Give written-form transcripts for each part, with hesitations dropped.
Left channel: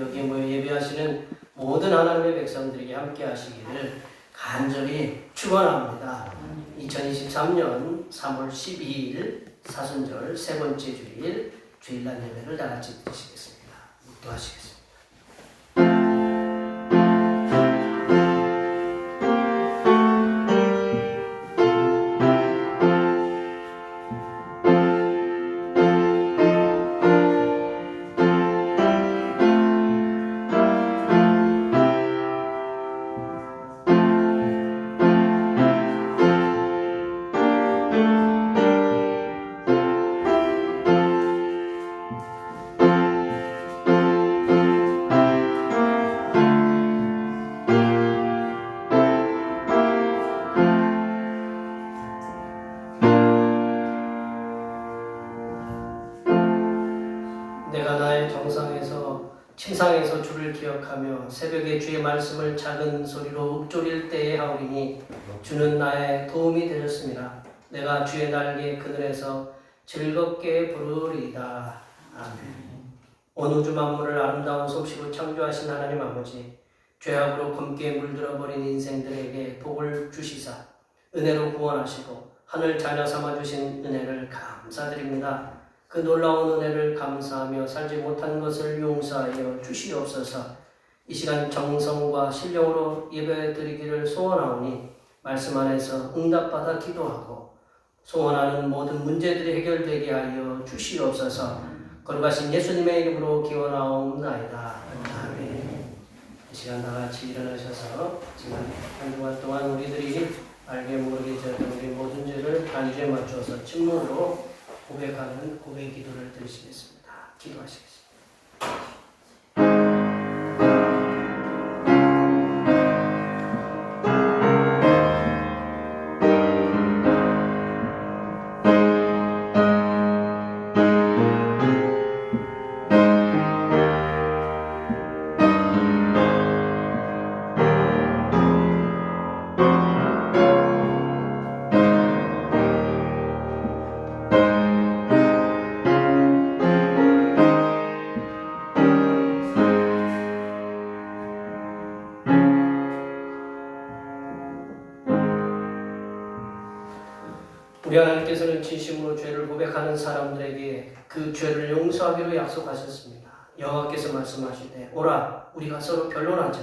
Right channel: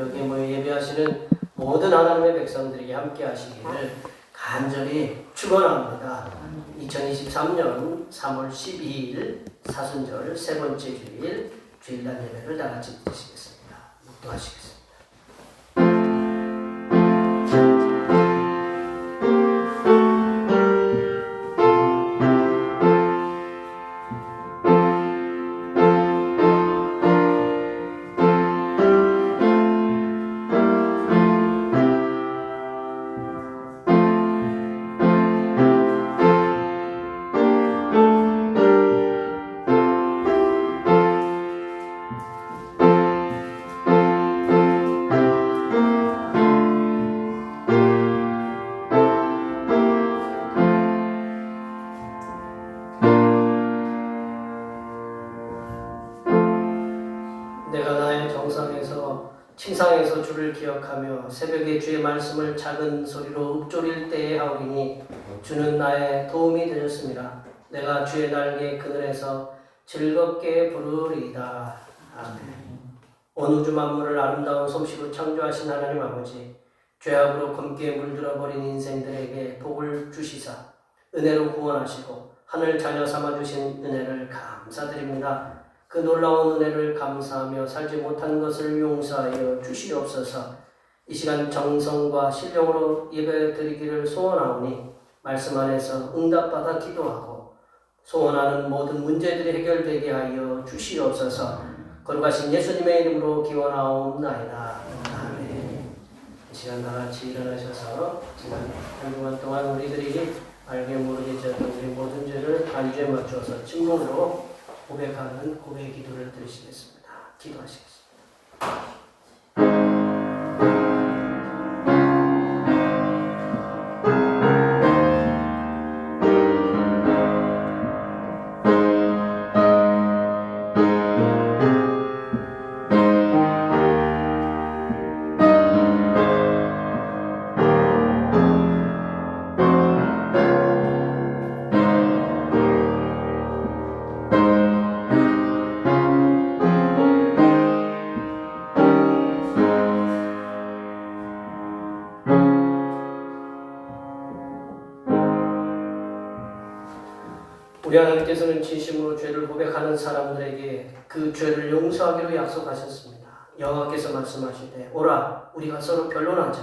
여기 모여 예배하시는 모든 하나님의 백성들에게 함께 하시기를 간절히 축원합니다. 2023년 3월 12일 사순절 세 번째 주일 주일날 예배를 다 같이 드시겠습니다. 묵도하시겠습니다. 내가 나의 정상에서 침상에서 주를 기억하며 새벽에 주의 말씀을 작은 소리로 읊조릴 때에 하오리니 주는 나의 도움이 되셨습니다. 내가 주의 날개 그늘에서 즐겁게 부르리이다. 아멘. 온 우주 만물을 아름다운 솜씨로 창조하신 하나님 아버지, 죄악으로 검게 물들어버린 인생들에게 복을 주시사 은혜로 구원하시고 하늘 자녀 삼아주신 은혜를 감사드립니다. 그 놀라운 은혜를 감사하며 살지 못한 것을 용서하여 주시옵소서. 이 시간 정성과 신령으로 예배드리기를 소원하오니 말씀 안에서 응답받아 기도하고 소원하는 모든 문제들이 해결되게 하여 주시옵소서. 거룩하신 예수님의 이름으로 기원하옵나이다. 아멘. 이 시간 다 같이 일어나셔서 지난 한 주간 동안 우리들이 알게 모르게 지었던 우리 모든 죄를 단주에 맞추어서 침묵으로 고백하는 고백 기도를 드리시겠습니다. 기도하시겠습니다. 우리 하나님께서는 진심으로 죄를 고백하는 사람들에게 그 죄를 용서하기로 약속하셨습니다. 여호와께서 말씀하시되 오라 우리가 서로 변론하자.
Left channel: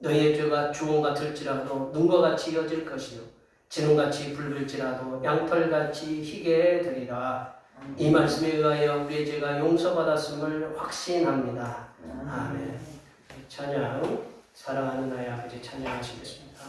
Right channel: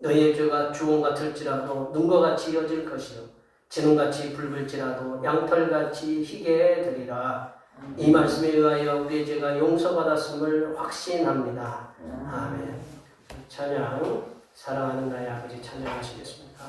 너희의 죄가 주홍 같을지라도 눈과 같이 이어질 것이요 진홍같이 붉을지라도 양털같이 희게 되리라. 이 말씀에 의하여 우리의 죄가 용서받았음을 확신합니다. 아멘. 찬양 사랑하는 나의 아버지 찬양하시겠습니다.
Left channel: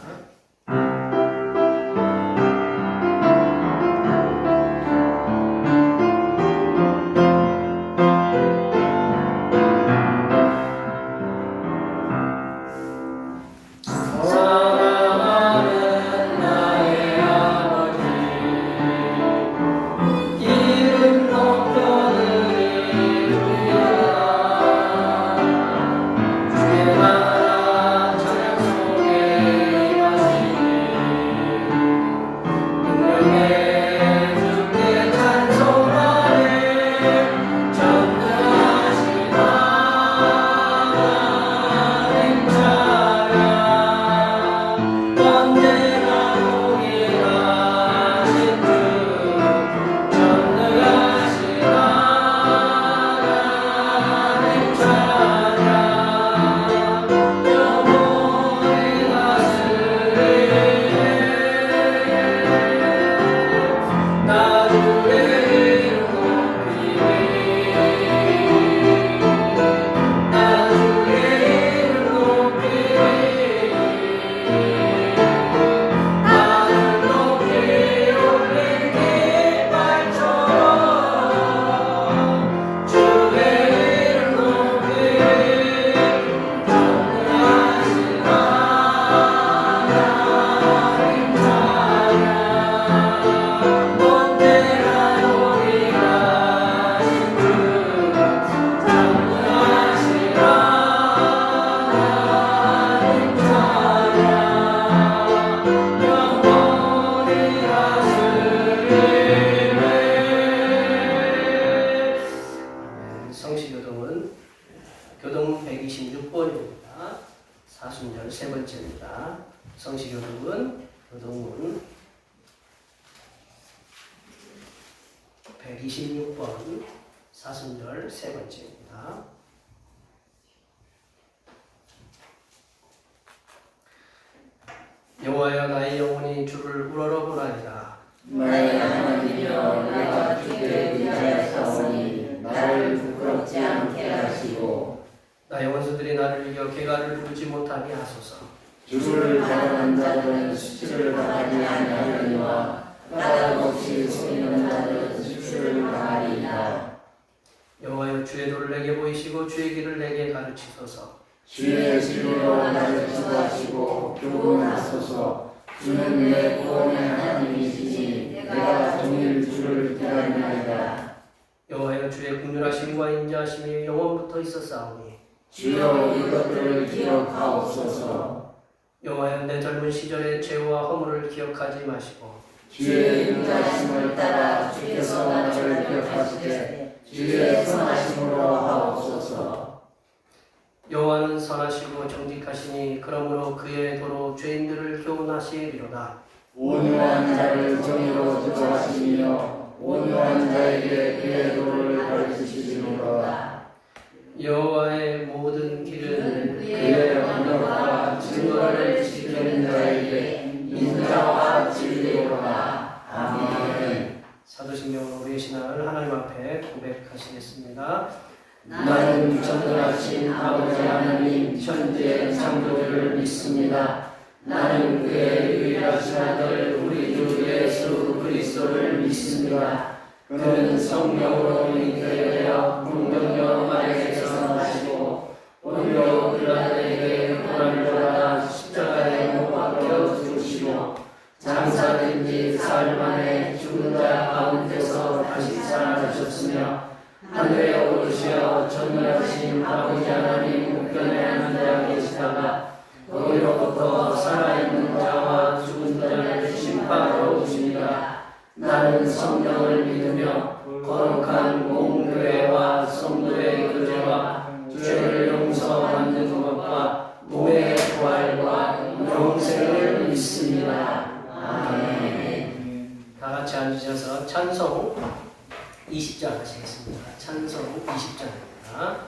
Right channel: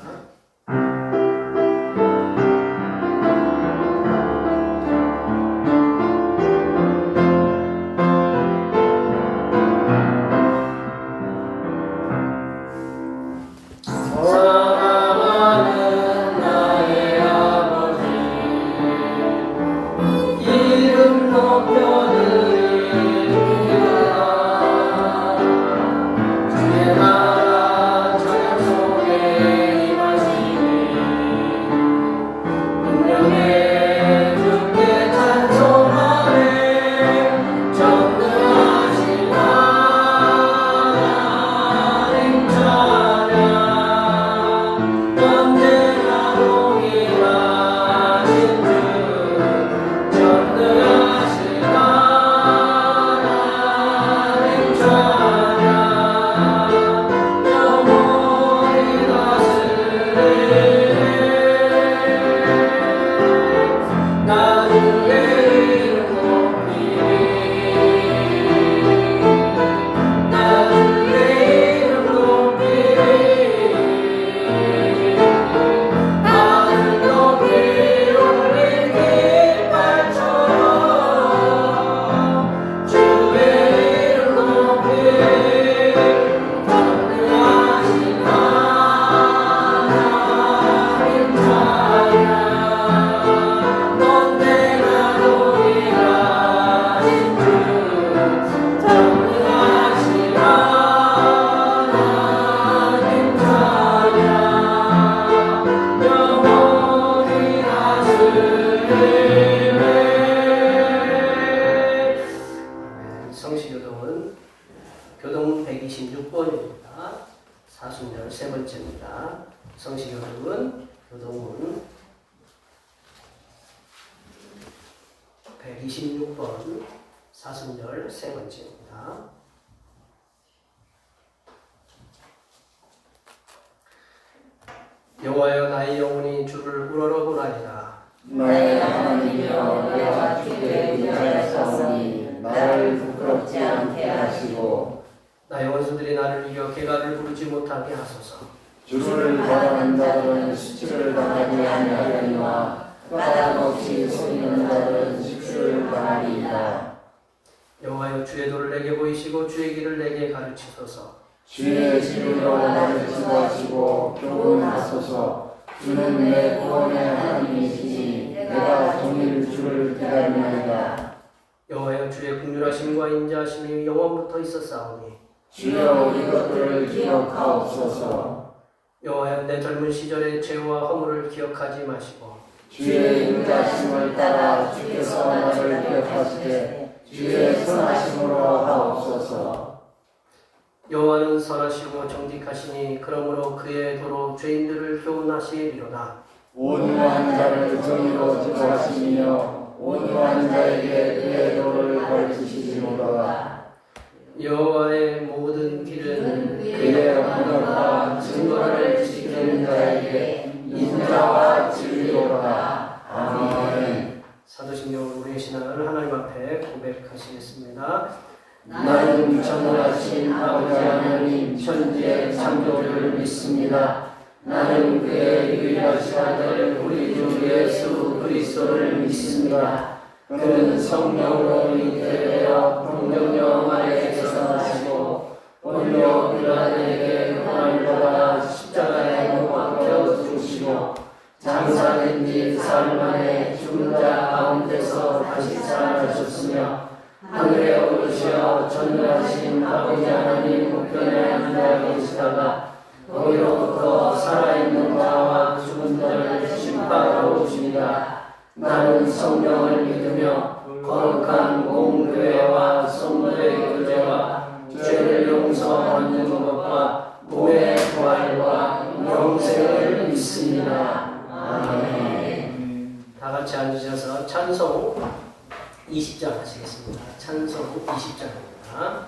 주의 나라 저녁 속에 126번입니다. 사순절 세 번째입니다. 성시경은 교동문 126번 사순절 세 번째입니다. 여호와여 나의 영혼이 주를 우러러보나이다. 나의 하나님이여 내가 주께 의지하였사오니 나를 부끄럽지 않게 하시고 나의 원수들이 나를 이겨 개가를 부르지 못하게 하소서. 주를 바라는 자들은 수치를 당하지 아니하려니와 까닭 없이 속이는 자들은 수치를 당하리이다. 여호와여 주의 도를 내게 보이시고 주의 길을 내게 가르치소서. 주의 길로 나를 인도하시고 교훈하소서. 주는 내 구원의 하나님이시니 내가 종일 주를 기다리나이다. 여호와여 주의 긍휼하심과 인자하심이 영원부터 있었사오니 주여 이것들을 기억하옵소서. 여호와여 내 젊은 시절의 죄와 허물을 기억하지 마시고 주의 인자하심을 따라 주께서 나를 기억하시되 주의 선하심으로 하옵소서. 여호와는 선하시고 정직하시니 그러므로 그의 도로 죄인들을 교훈하시리로다. 온유한 자를 정의로 지도하시며 온유한 자에게 그의 도를 가르치시리로다. 여호와의 모든 길은 그의 언약과 증거를 지키는 자에게 인자와 진리로다. 아멘. 사도신경으로 우리의 신앙을 하나님 앞에 고백하시겠습니다. 나는 전능하신 아버지 하나님 천지의 창조주를 믿습니다. 나는 그의 유일하신 아들 우리 주 예수 그리스도를 믿습니다. 그는 성령으로 잉태되어 성령령 아래에서 나시고 본요 빌라도에게 고난을 받아 십자가에 못 박혀 죽으시고 장사된 지 사흘 만에 죽은 자 가운데서 다시 살아나셨으며 하늘에 오르시어 전능하신 아버지 하나님 우편에 앉아 계시다가 거기로부터 살아있는 자와 죽은 자를 심판하러 오십니다. 나는 성령을 믿으며 거룩한 공교회와 성도의 교제와 죄를 용서받는 것과 몸의 부활과 영생을 믿습니다. 아멘. 다 같이 앉으셔서 찬송 20장 하시겠습니다. 찬송 20장입니다.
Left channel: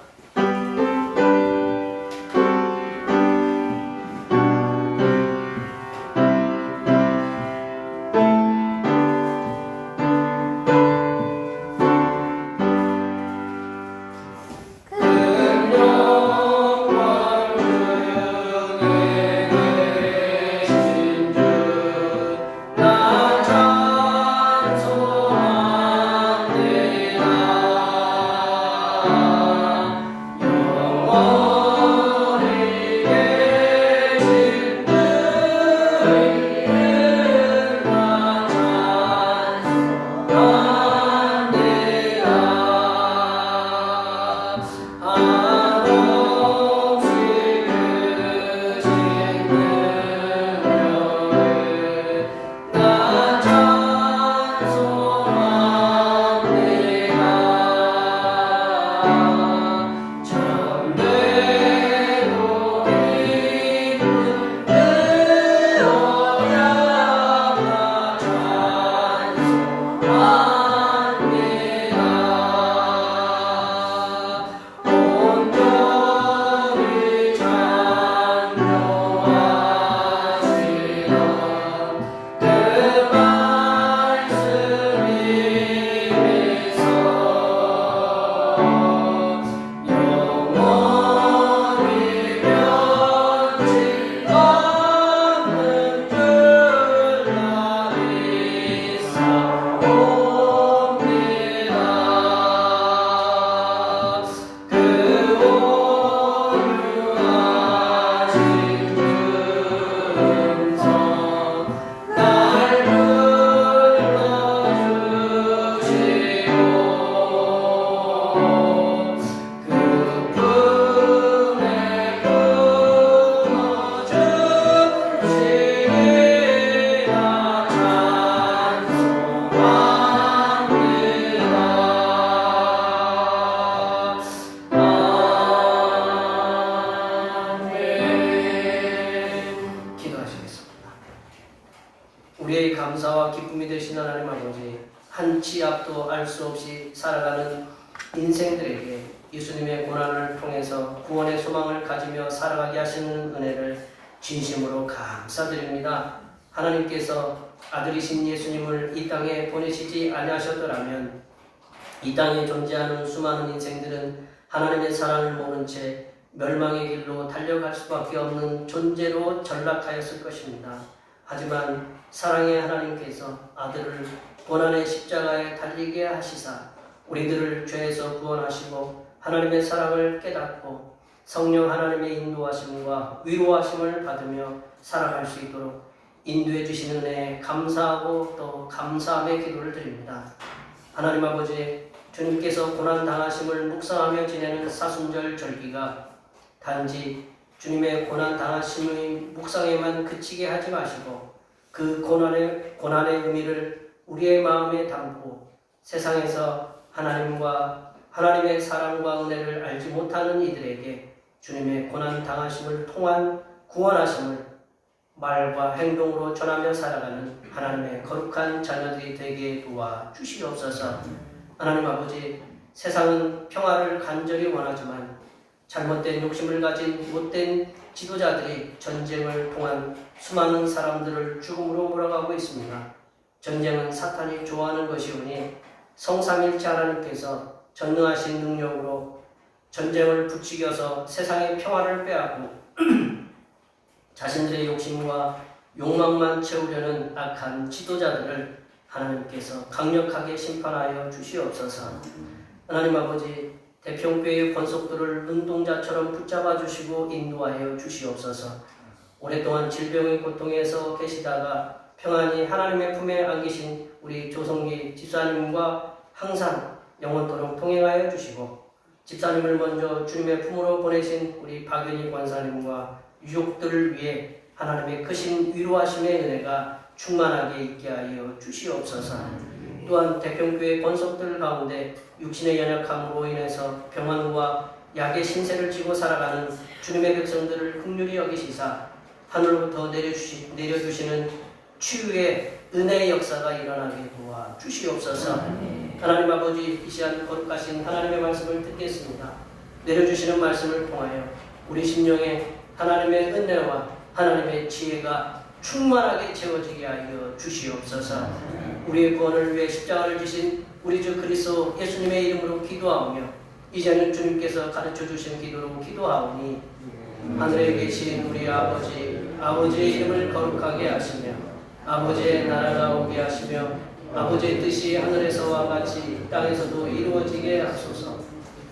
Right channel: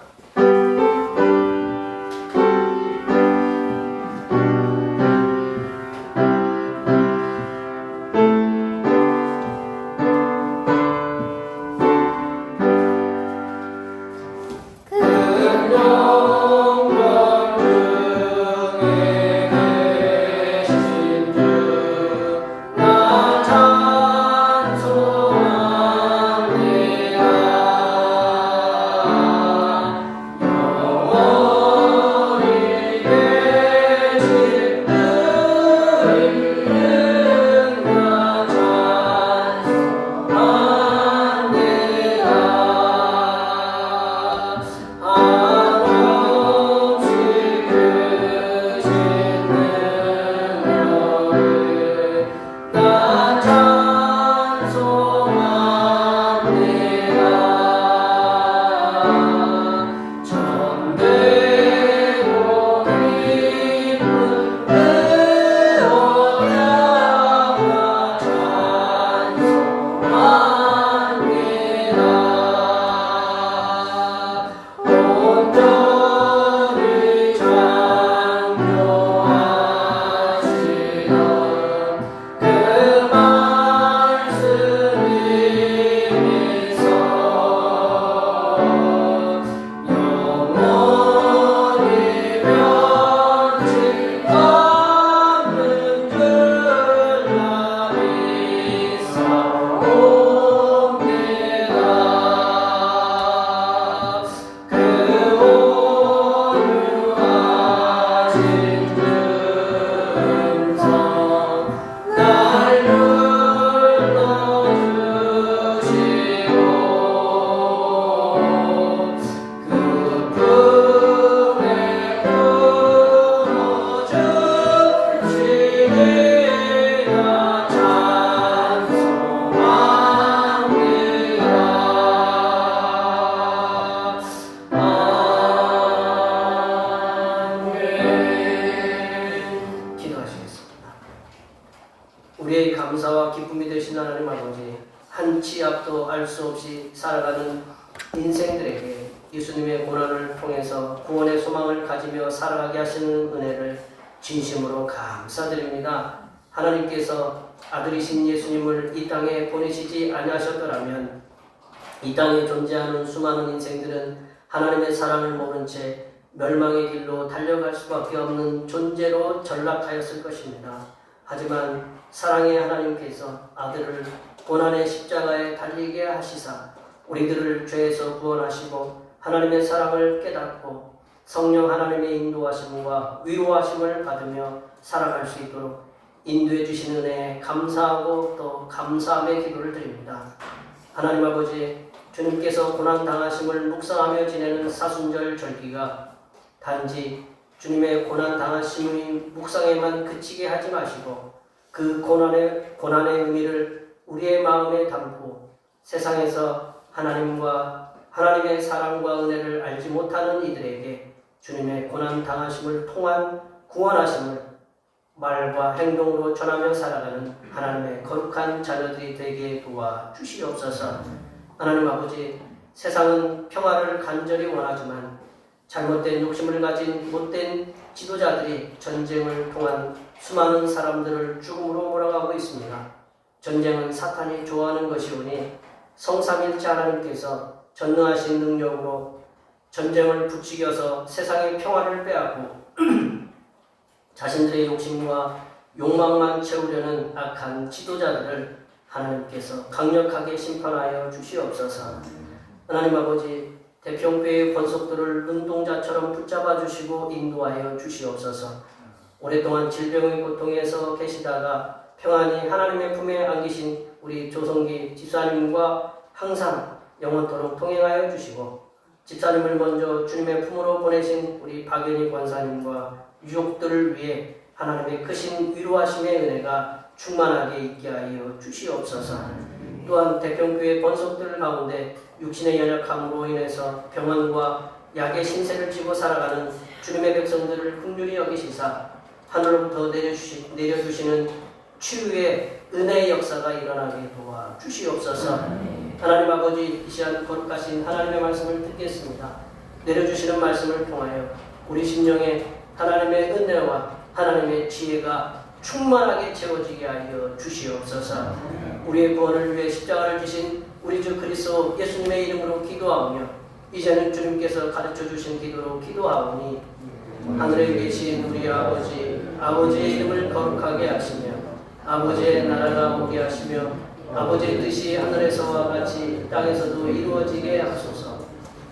우리의 감사와 기쁨이 되신 하나님 아버지, 한 치 앞도 알 수 없이 살아가는 인생들에게 예수님의 고난을 통해서 구원의 소망을 가지며 살아가게 하시는 은혜를 진심으로 감사드립니다. 하나님께서 아들이신 예수님을 이 땅에 보내시지 아니하셨더라면 이 땅에 존재하는 수많은 인생들은 하나님의 사랑을 모른 채 멸망의 길로 달려갈 수밖에 없는 존재로 전락하였을 것입니다. 하지만 사랑의 하나님께서 아들을 고난의 십자가에 달리게 하시사 우리들을 죄에서 구원하시고 하나님의 사랑을 깨닫고 성령 하나님의 인도하심과 위로하심을 받으며 살아갈 수 있도록 인도해 주시는 은혜에 감사하고 또 감사함의 기도를 드립니다. 하나님 아버지, 주님께서 고난 당하심을 묵상하며 지내는 사순절 절기가 단지 주님의 고난 당하심의 묵상에만 그치게 하지 마시고 그 고난의 의미를 우리의 마음에 담고 세상에서 하나님과 하나님의 사랑과 은혜를 알지 못하는 이들에게 주님의 고난 당하심을 통한 구원하심을 말과 행동으로 전하며 살아가는 하나님의 거룩한 자녀들이 되게 도와주시옵소서. 하나님 아버지, 세상은 평화를 간절히 원하지만 잘못된 욕심을 가진 못된 지도자들이 전쟁을 통한 수많은 사람들을 죽음으로 몰아가고 있습니다. 전쟁은 사탄이 좋아하는 것이오니 성삼일체 하나님께서 전능하신 능력으로 전쟁을 부추겨서 세상의 평화를 빼앗고 자신들의 욕심과 욕망만 채우려는 악한 지도자들을 하나님께서 강력하게 심판하여 주시옵소서. 하나님 아버지, 대평교의 권속들을 눈동자처럼 붙잡아 주시고 인도하여 주시옵소서. 오랫동안 질병의 고통에서 계시다가 평안히 하나님의 품에 안기신 우리 조성기 집사님과 항상 영원토록 동행하여 주시고 집사님을 먼저 주님의 품으로 보내신 우리 박연희 권사님과 유족들을 위해 하나님의 크신 위로하심의 은혜가 충만하게 있게 하여 주시옵소서. 또한 대평교회 권속들 가운데 육신의 연약함으로 인해서 병환과 약의 신세를 지고 살아가는 주님의 백성들을 긍휼히 여기시사 하늘로부터 내려주시는 치유의 은혜의 역사가 일어나게 도와주시옵소서. 하나님 아버지, 이 시간 거룩하신 하나님의 말씀을 듣겠습니다. 내려주시는 말씀을 통하여 우리 심령에 하나님의 은혜와 하나님의 지혜가 충만하게 채워지게 하여 주시옵소서. 우리의 구원을 위해 십자가를 지신 우리 주 그리스도 예수님의 이름으로 기도하오며 이제는 주님께서 가르쳐주신 기도로 기도하오니 하늘에 계신 우리 아버지의 이름을 거룩하게 하시며 아버지의 나라가 오게 하시며 아버지의 뜻이 하늘에서와 같이 땅에서도 이루어지게 하소서.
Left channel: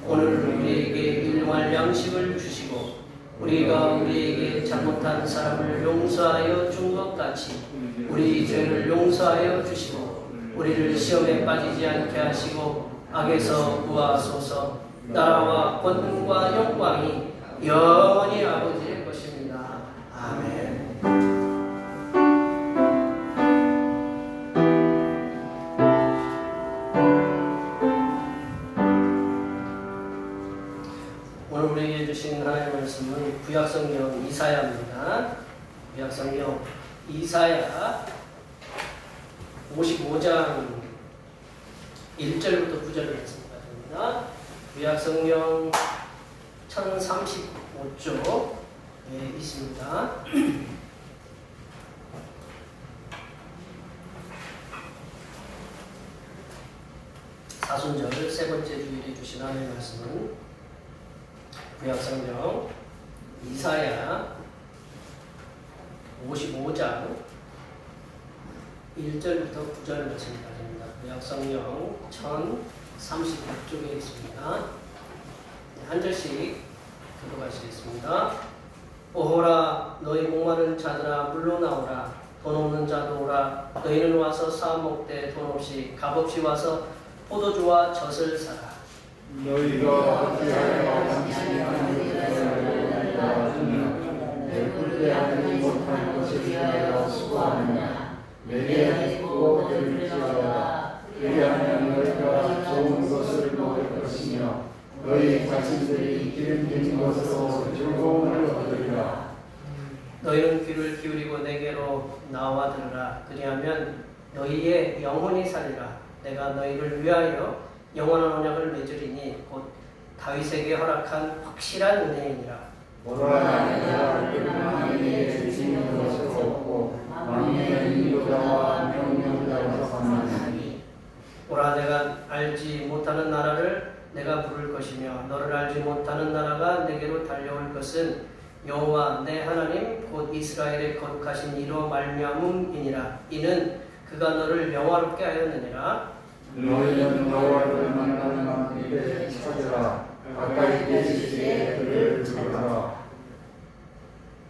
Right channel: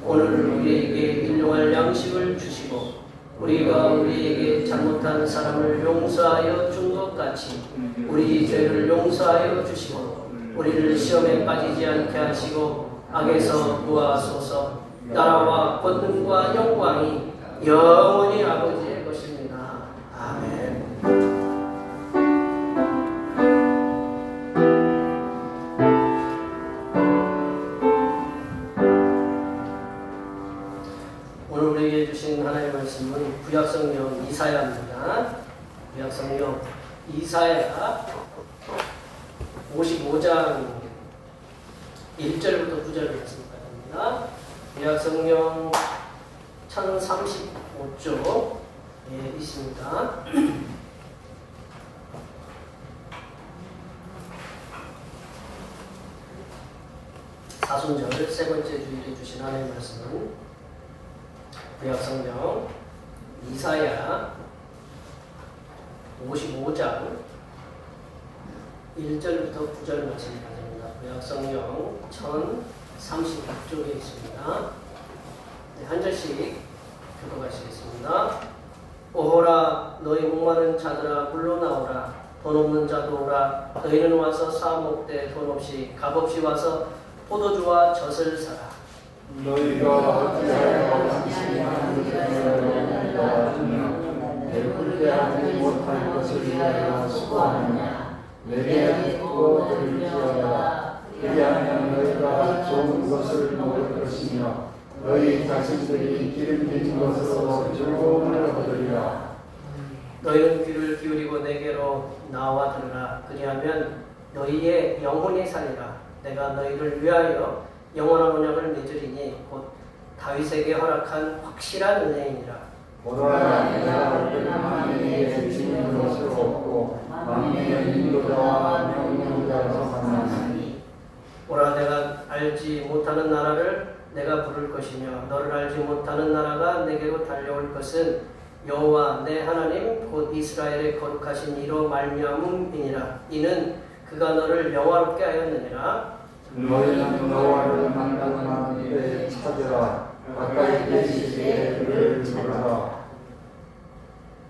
오늘 우리에게 일용할 양식을 주시고 우리가 우리에게 잘못한 사람을 용서하여 준 것 같이 우리 죄를 용서하여 주시고 우리를 시험에 빠지지 않게 하시고 악에서 구하소서. 나라와 권능과 영광이 영원히 아버지의 것입니다. 아멘. 오늘 우리에게 주신 하나님의 말씀은 구약성경 이사야입니다. 구약성경 이사야 55장 1절부터 9절 말씀입니다. 구약성경 1035쪽에 있습니다. 사순절 세 번째 주일에 주신 하나님의 말씀은 구약성경 이사야 55장 1절부터 9절 말씀입니다. 구약성경 1035쪽에 있습니다. 한 절씩 들어가시겠습니다. 오호라, 너희 목마른 자들아 물러나오라. 돈 없는 자도 오라. 너희는 와서 사 먹되 돈 없이 값없이 와서 포도주와 젖을 사라. 너희가 함께하여 당신의 하나님을 도와주며 내 굴대하지 못한 것을 위하여 수고하느냐. 내게 듣고 들을지어다. 그리하면 너희가 좋은 것을 먹을 것이며 너희 자신들이 기름진 것으로 즐거움을 얻으리라. 너희는 귀를 기울이고 내게로 나와 들으라. 그리하면 너희의 영혼이 살리라. 내가 너희를 위하여 영원한 언약을 맺으리니 곧 다윗에게 허락한 확실한 은혜이니라. 오라 내가 만민에게 주시는 것을 얻고 만민의 인도자와 평론자로서 만나니 오라 내가 알지 못하는 나라를 내가 부를 것이며 너를 알지 못하는 나라가 내게로 달려올 것은 여호와 내 하나님 곧 이스라엘의 거룩하신 이로 말미암음이니라. 이는 그가 너를 영화롭게 하였느니라. 너희는 여호와를 만나는 그때에 찾으라. 가까이 계실 때에 그를 찾으라.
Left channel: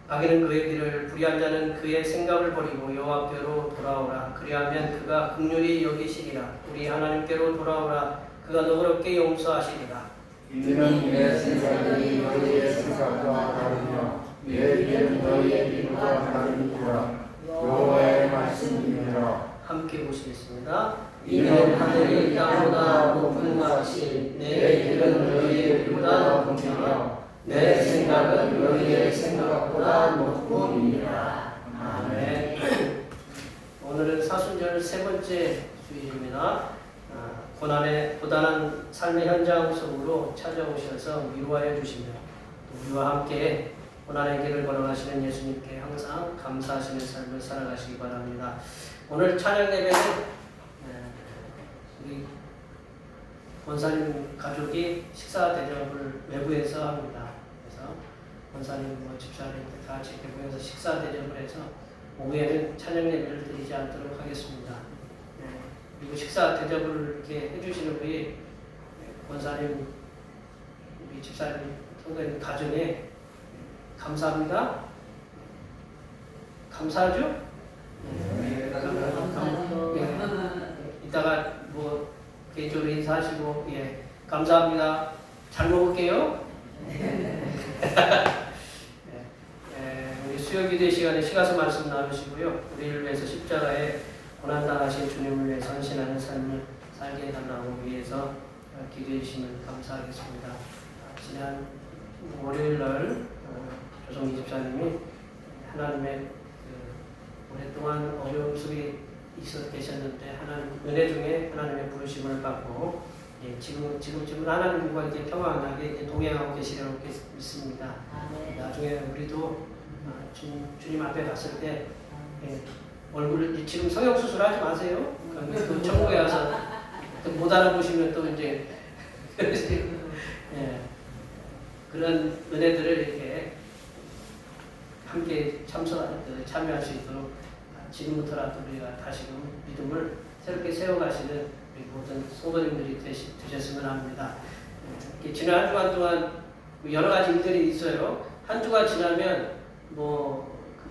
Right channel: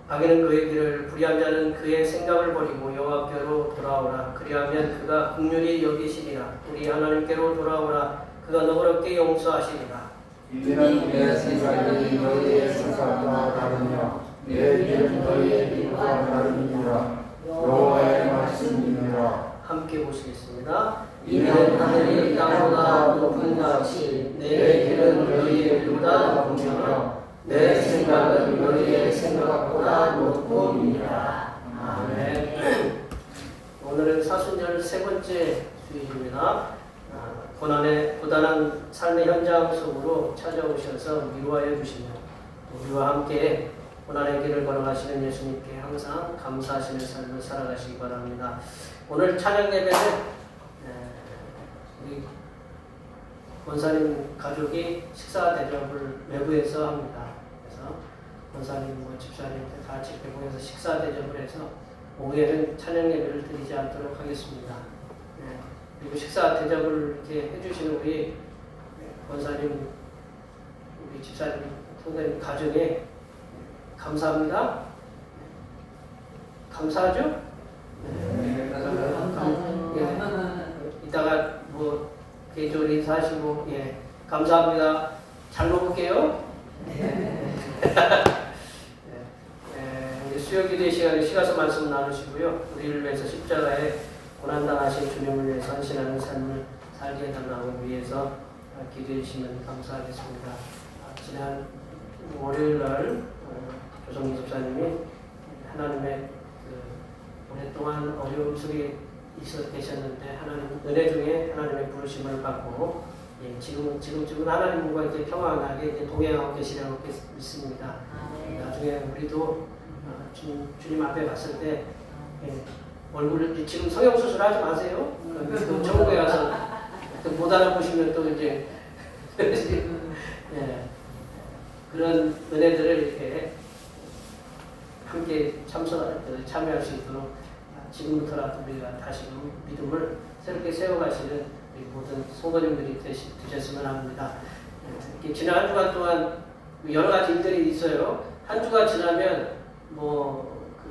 악인은 그의 길을 불의한 자는 그의 생각을 버리고 여호와께로 돌아오라. 그리하면 그가 긍휼히 여기시리라. 우리 하나님께로 돌아오라. 그가 너그럽게 용서하시리라. 이는 내 생각이 너희의 생각과 다르며 내 길은 너희의 길과 다르니라. 여호와의 말씀이니라. 함께 보시겠습니다. 이는 하늘이 땅보다 높은 같이 내 길은 너희의 길보다 높으니라. 내 생각은 너희의 생각보다 높으니라. 아멘. 오늘은 사순절 세 번째 주일입니다. 고단한 삶의 현장 속으로 찾아오셔서 위로하여 주시며 우리와 함께 고난의 길을 걸어가시는 예수님께 항상 감사하시는 삶을 살아가시기 바랍니다. 오늘 찬양 예배는 우리 권사님 가족이 식사 대접을 외부에서 합니다. 그래서 권사님 집사님 다 같이 배공에서 식사 대접을 해서 오후에는 찬양 예배를 드리지 않도록 하겠습니다. 그리고 식사 대접을 이렇게 해주시는 우리 권사님, 우리 집사님, 선생님 가정에 감사합니다. 감사하죠? 이따가 뭐 개인적으로 인사하시고 감사합니다. 잘 먹을게요. 수요기도의 시간에 시가서 말씀 나누시고요. 우리를 위해서 십자가에 고난당하신 주님을 위해서 헌신하는 삶을 살게 해달라고 위해서 기도해 주시면 감사하겠습니다. 지난 월요일날 조성기 집사님이 하나님의 오랫동안 어려움 속에 계셨는데 하나님 은혜 중에 하나님의 부르심을 받고 지금 하나님과 이렇게 평안하게 이제 동행하고 계시라고 믿습니다. 나중에 우리도 주님 앞에 갔을 때 얼굴을 지금 성형수술 하지 마세요. 천국에 가서 못 알아보시면 또 이제 그런 은혜들을 이렇게 함께 참여할 수 있도록 지금부터라도 우리가 다시 믿음을 새롭게 세워가시는 모든 성도님들이 되셨으면 합니다. 지난 한 주간 동안 여러 가지 일들이 있어요. 한 주가 지나면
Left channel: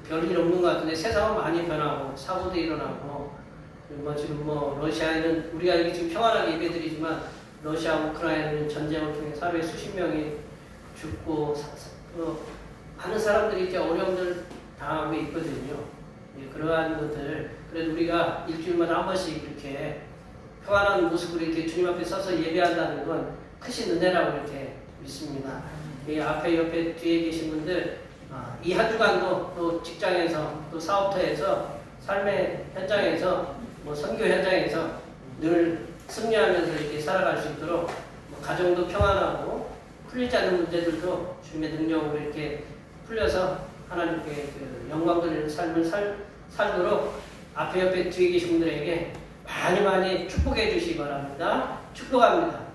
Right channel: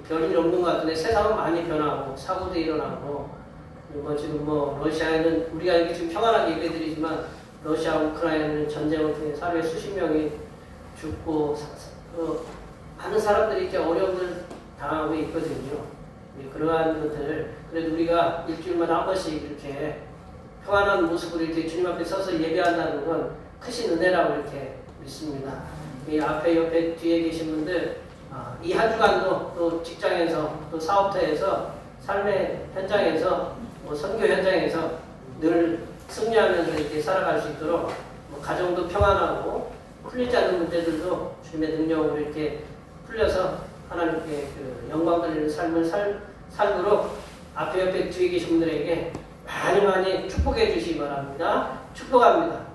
별일 없는 것 같은데 세상은 많이 변하고 사고도 일어나고 지금 러시아에는 우리가 이렇게 지금 평안하게 얘기해드리지만 러시아 우크라이나는 전쟁을 통해 하루에 수십 명이 죽고 많은 사람들이 이제 어려움을 당하고 있거든요. 그러한 것들을 그래도 우리가 일주일마다 한 번씩 이렇게 평안한 모습으로 이렇게 주님 앞에 서서 예배한다는 건 크신 은혜라고 이렇게 믿습니다. 이 앞에 옆에 뒤에 계신 분들 이 한 주간도 또 직장에서 또 사업터에서 삶의 현장에서 선교 현장에서 늘 승리하면서 이렇게 살아갈 수 있도록 가정도 평안하고 풀리지 않는 문제들도 주님의 능력으로 이렇게 풀려서 하나님께 영광 돌리는 삶을 살도록 앞에 옆에 뒤에 계신 분들에게 많이 축복해 주시기 바랍니다. 축복합니다.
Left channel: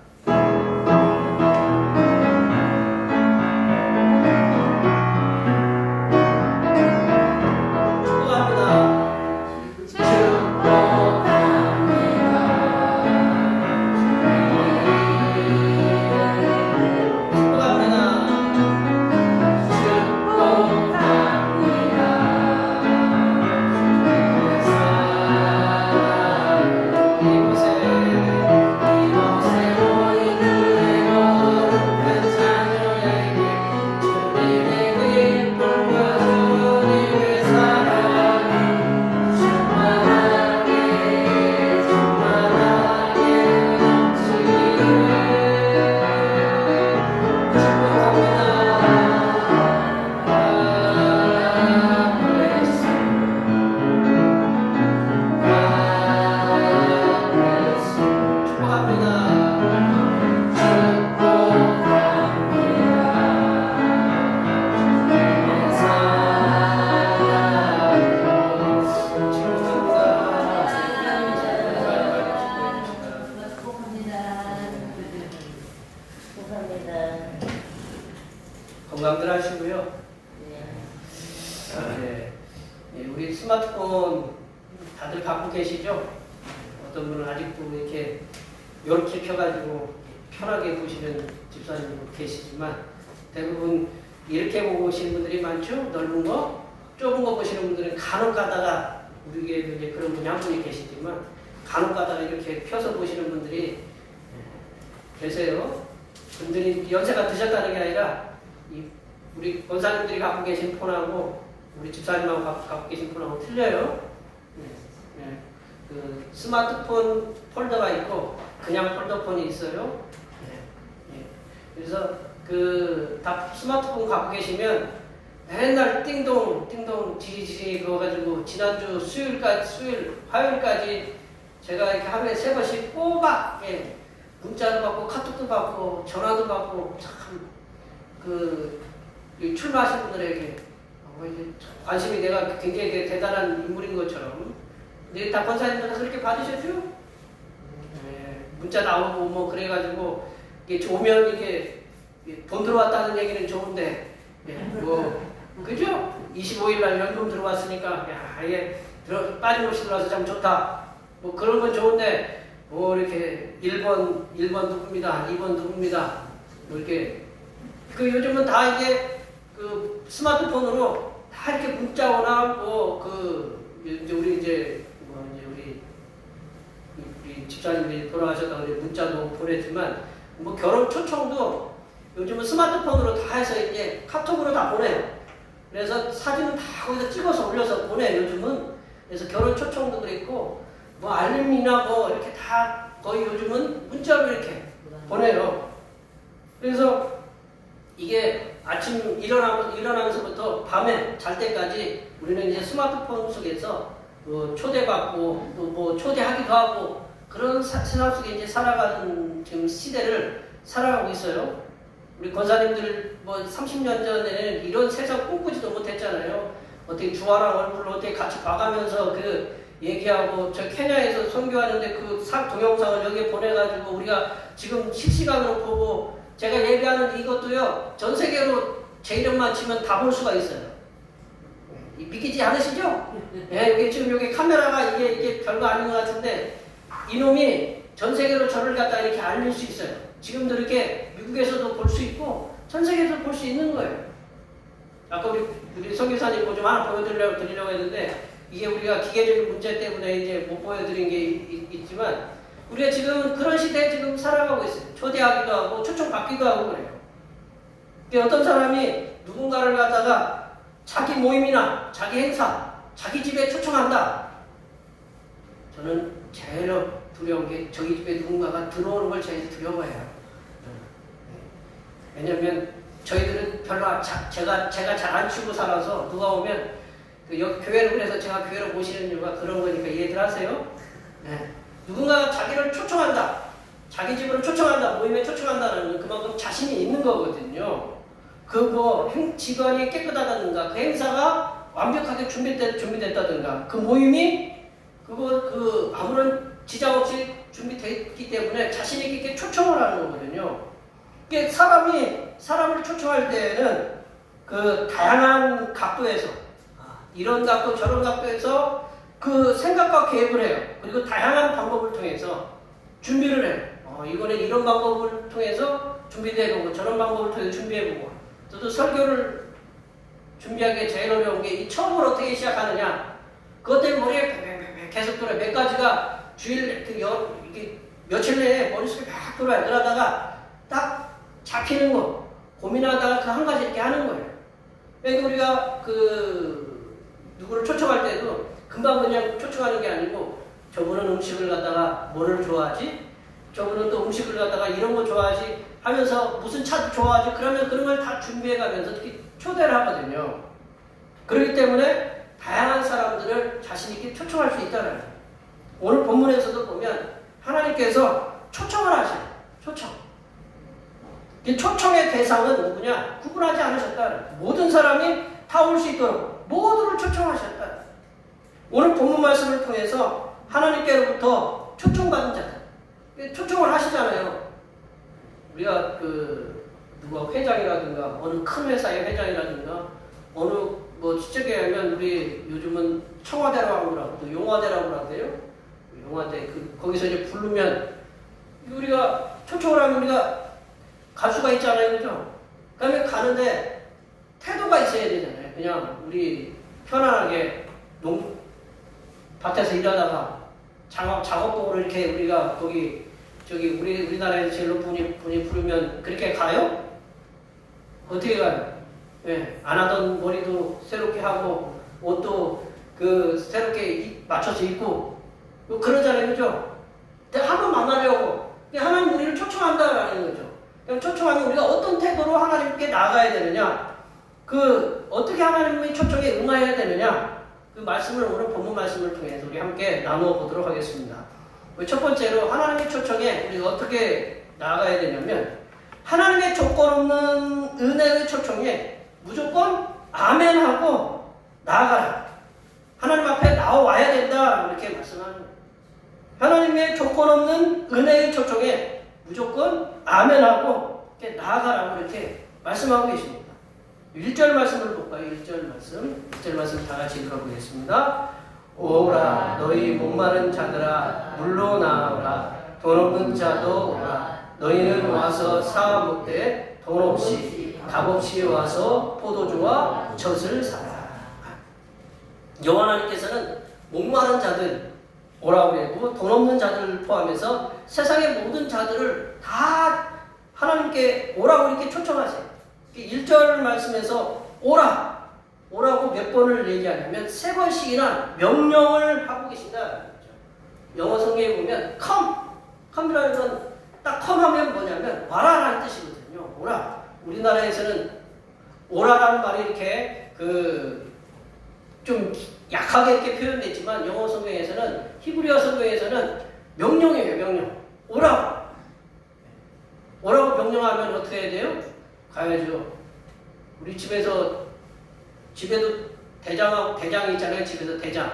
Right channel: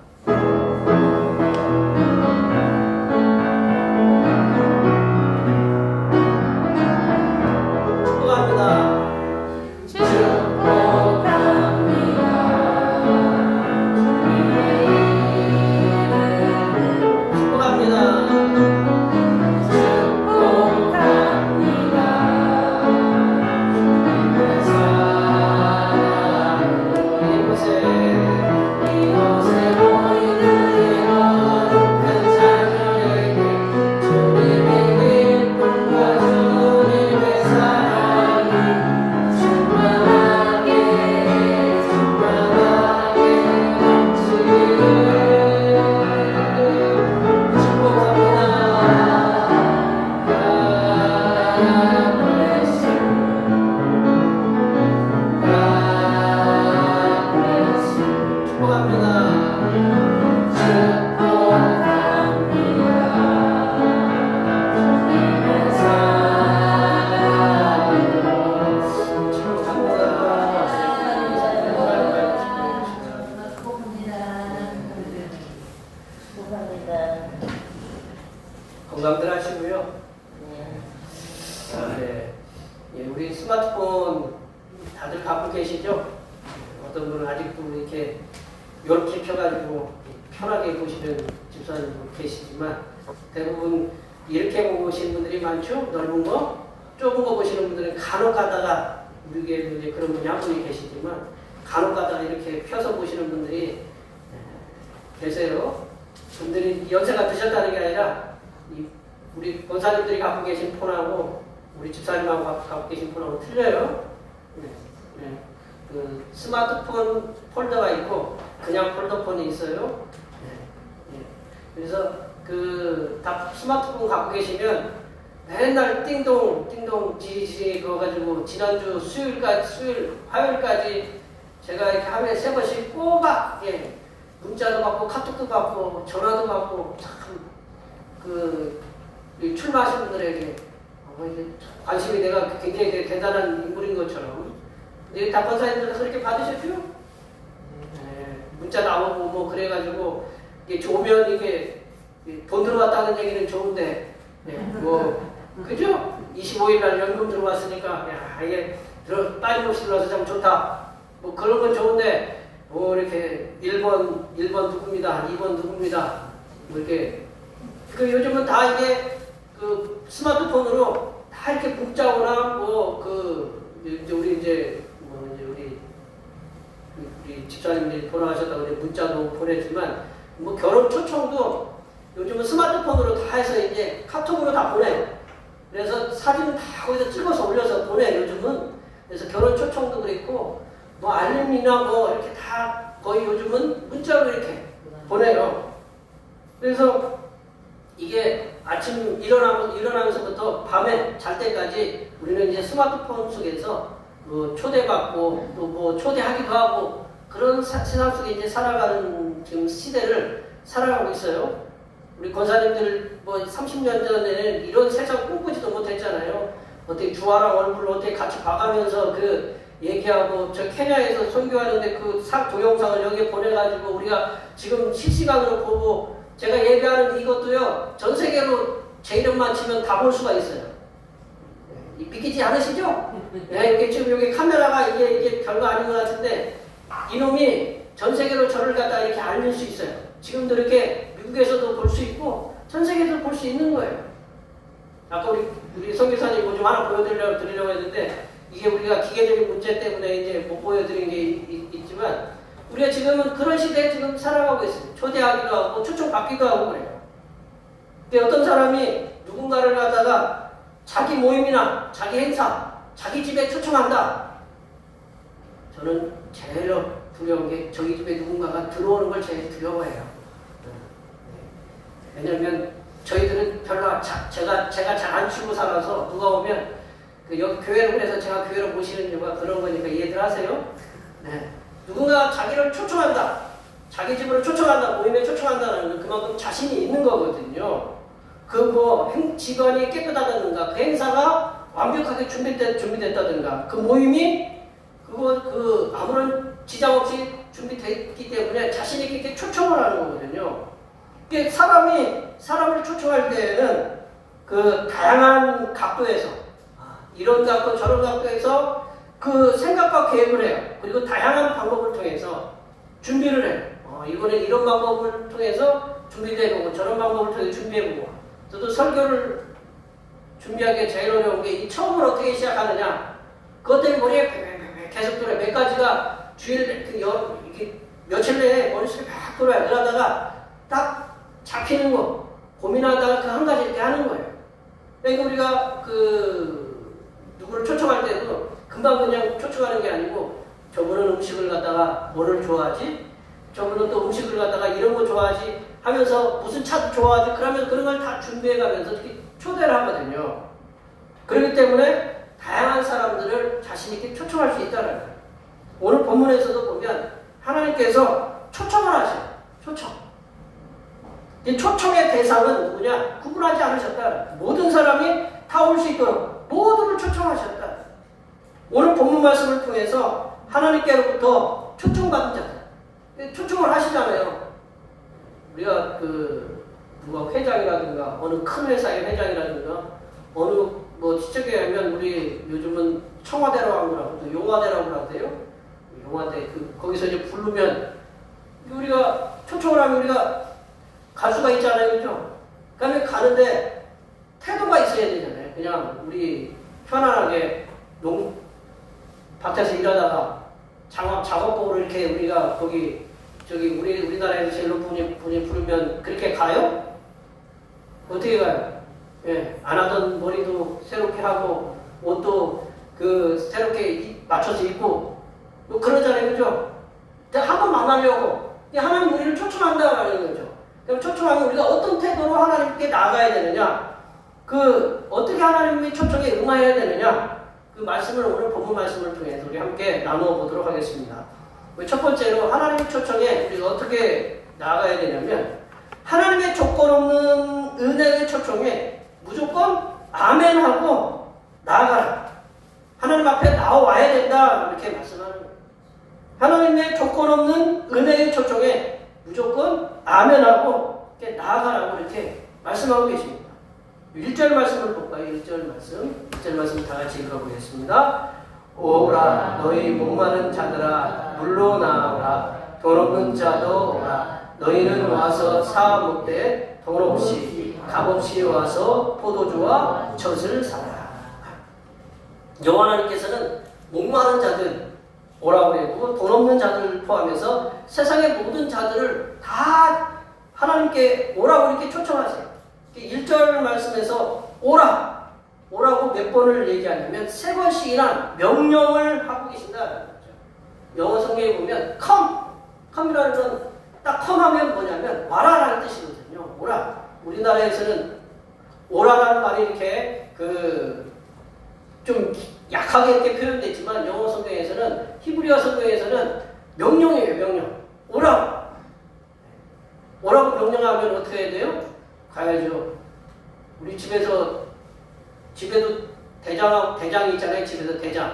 이곳에 마시고요. 네. 예, 우리 스마트폰 다들 갖고 계시죠? 어떤 분은 아직도 이렇게 켜가지고 편하게 보시는 집사님도 계시지만 대부분 이렇게 보시는 분들이 많죠? 넓은 거, 좁은 거 보시는 분들은 간혹 가다가 우리에도 이제 그런 분이 한 분이 계시지만 간혹 가다가 이렇게 펴서 보시는 분들이 계세요. 분들이 연세가 드셨다는 게 아니라 우리 권사님들이 갖고 계신 폰하고 우리 집사님하고 갖고 계신 폰하고 틀려요. 그 스마트폰 폴더가 있고 그냥 폴더폰이 있어요. 그래서 다 스마트폰 갖고 계시면 맨날 띵동 지지지 그거 가지고 지난주 화요일까지 제가 이렇게 하루에 3번씩 꼬박 문자도 받고 카톡도 받고 전화도 받고 이 출마하신 분들에게 관심이 내가 굉장히 대단한 인물인 것처럼 근데 다 권사님들도 그렇게 받으셨죠? 문자 나오고 뭐 그래가지고 이게 좋으면 이렇게 돈 들어왔다는 얘기는 좋은데 그죠? 25일 날 연금 들어왔으니까 이게 빠짐없이 들어와서 참 좋다 뭐 그런 건 좋은데 이렇게 1번 누굽니다 2번 누굽니다 이렇게 요즘은 다 이제 그 스마트폰으로 다 이렇게 문자 오나 우리 집사님들이 돌아가셨다고 문자도 보냈지만 뭐 결혼 초청도 요즘은 스마트폰으로 다 해서 이제 카톡으로 다 보내요. 그래서 사진 다 거기서 찍어서 올려서 보내 요즘은. 그래서 결혼 초청도 그랬고 뭐 알림이나 뭐 이렇게 다 거의 요즘은 문자로 이렇게 보내요. 그래서 이게 아침 일어나면서부터 밤에 잘 때까지 우리는 이제 스마트폰 속에서 초대받고 또 뭐 초대하기도 하고 그런 세상 속에 이제 살아가는 지금 시대를 살아가고 있어요. 우리 권사님들 뭐 30년 전에는 이런 세상 꿈꾸지도 못했잖아요. 어떻게 주아랑 얼굴을 어떻게 같이 봐가면서 얘기하고 저 케냐에서 선교하는데 동영상을 여기에 보내가지고 우리가 지금 실시간으로 보고 제가 얘기하는 이것도요 전 세계로 제 이름만 치면 다 볼 수가 있어요. 믿기지 않으시죠? 이게 지금 여기 카메라가 이게 별거 아닌 것 같은데 이놈이 전 세계로 저를 갖다 이렇게 알릴 수 있어요. 지금도 이렇게 미국에서도 볼 수 있고 전 세계에서 볼 수 있는 거예요. 아까 우리 성교사님 뭐 좀 하나 보여드리려고 했는데 이게 우리가 기계적인 문제 때문에 이제 못 보여드린 게 있지만 우리가 지금은 그런 시대에 지금 살아가고 있어요. 초대하기도 하고 초청받기도 하고 그래요. 근데 어떤 사람이 누군가를 갖다가 자기 모임이나 자기 행사, 자기 집에 초청한다. 저는 제일 두려운 게 저희 집에 누군가가 들어오는 걸 제일 두려워해요. 왜냐면 저희들은 별로 제가 잘 안 치고 살아서 누가 오면 교회를 그래서 제가 교회로 모시는 이유가 그런 거니까 이해들 하세요? 네. 누군가 자기를 초청한다. 자기 집으로 초청한다. 모임에 초청한다는 그만큼 자신이 있는 거거든요. 직원이 깨끗하다든가 그 행사가 완벽하게 준비됐다든가 그 모임이 아무런 지장 없이 준비됐기 때문에 자신 있게 초청을 하는 거거든요. 이게 사람을 초청할 때에는 다양한 각도에서 이런 각도 저런 각도에서 생각과 계획을 해요. 그리고 다양한 방법을 통해서 준비를 해요. 이거는 이런 방법을 통해서 준비되고 저런 방법을 통해서 준비해보고 저도 설교를 준비하기에 제일 어려운 게 처음으로 어떻게 시작하느냐 그것 때문에 머리에 계속 돌아요. 몇 가지가 주일 이렇게 며칠 내에 머릿속에 막 돌아요. 그러다가 딱 잡히는 거 고민하다가 그 한 가지 이렇게 하는 거예요. 그러니까 우리가 누구를 초청할 때도 금방 그냥 초청하는 게 아니고 저분은 음식을 갖다가 뭐를 좋아하지? 저분은 또 음식을 갖다가 이런 거 좋아하지? 하면서 무슨 차도 좋아하지? 그러면 그런 걸 다 준비해가면서 이렇게 초대를 하거든요. 그렇기 때문에 다양한 사람들을 자신 있게 초청할 수 있다는 거예요. 오늘 본문에서도 보면 하나님께서 초청을 하셔요. 초청. 이 초청의 대상은 누구냐? 구분하지 않으셨다. 모든 사람이 다 올 수 있도록 모두를 초청하셨다. 오늘 본문 말씀을 통해서 하나님께로부터 초청받은 자들 초청을 하시잖아요. 우리가 누가 회장이라든가 어느 큰 회사의 회장이라든가 어느 뭐 시적에 하면 우리 요즘은 청와대라고 하고 용화대라고 하대요. 용화대 거기서 이제 부르면 우리가 초청을 하면 우리가 갈 수가 있잖아요, 그죠? 그러니까 가는데 태도가 있어야 되잖아요. 그냥 우리 편안하게 밭에서 일하다가 작업복으로 이렇게 우리가 거기 저기 우리나라에서 제일 높은 분이 부르면 그렇게 가요? 어떻게 가요? 예, 안 하던 머리도 새롭게 하고 옷도 새롭게 맞춰서 입고 뭐 그러잖아요, 그죠? 한 번 만나려고 하나님 우리를 초청한다라는 거죠. 그럼 초청하면 우리가 어떤 태도로 하나님께 나아가야 되느냐? 어떻게 하나님의 초청에 응해야 되느냐? 그 말씀을 오늘 본문 말씀을 통해서 우리 함께 나누어 보도록 하겠습니다. 첫 번째로 하나님의 초청에 우리가 어떻게 나아가야 되냐면 하나님의 조건 없는 은혜의 초청에 무조건 아멘하고 나아가라. 하나님 앞에 나와야 된다. 이렇게 말씀하는 거예요. 하나님의 조건 없는 은혜의 초청에 무조건 아멘하고 이렇게 나아가라고 이렇게 말씀하고 계십니다. 1절 말씀을 볼까요? 1절 말씀 다 같이 읽어보겠습니다. 오라 너희 목마른 자들아 물로 나오라 돈 없는 자도 오라 너희는 와서 사 먹되 돈 없이 값없이 와서 포도주와 젖을 사라. 여호와 하나님께서는 목마른 자들 오라고 했고 돈 없는 자들을 포함해서 세상의 모든 자들을 다 하나님께 오라고 이렇게 초청하세요. 1절 말씀에서 오라고 몇 번을 얘기하냐면 3번씩이나 명령을 하고 계신다. 영어 성경에 보면 come이라는 건 딱 come 하면 뭐냐면 와라라는 뜻이거든요. 오라. 우리나라에서는 오라라는 말이 이렇게 좀 약하게 이렇게 표현됐지만 영어 성경에서는 히브리어 성경에서는 명령이에요. 명령. 오라고 명령하면 어떻게 해야 돼요? 가야죠. 우리 집에도 대장이 있잖아요. 집에서 대장.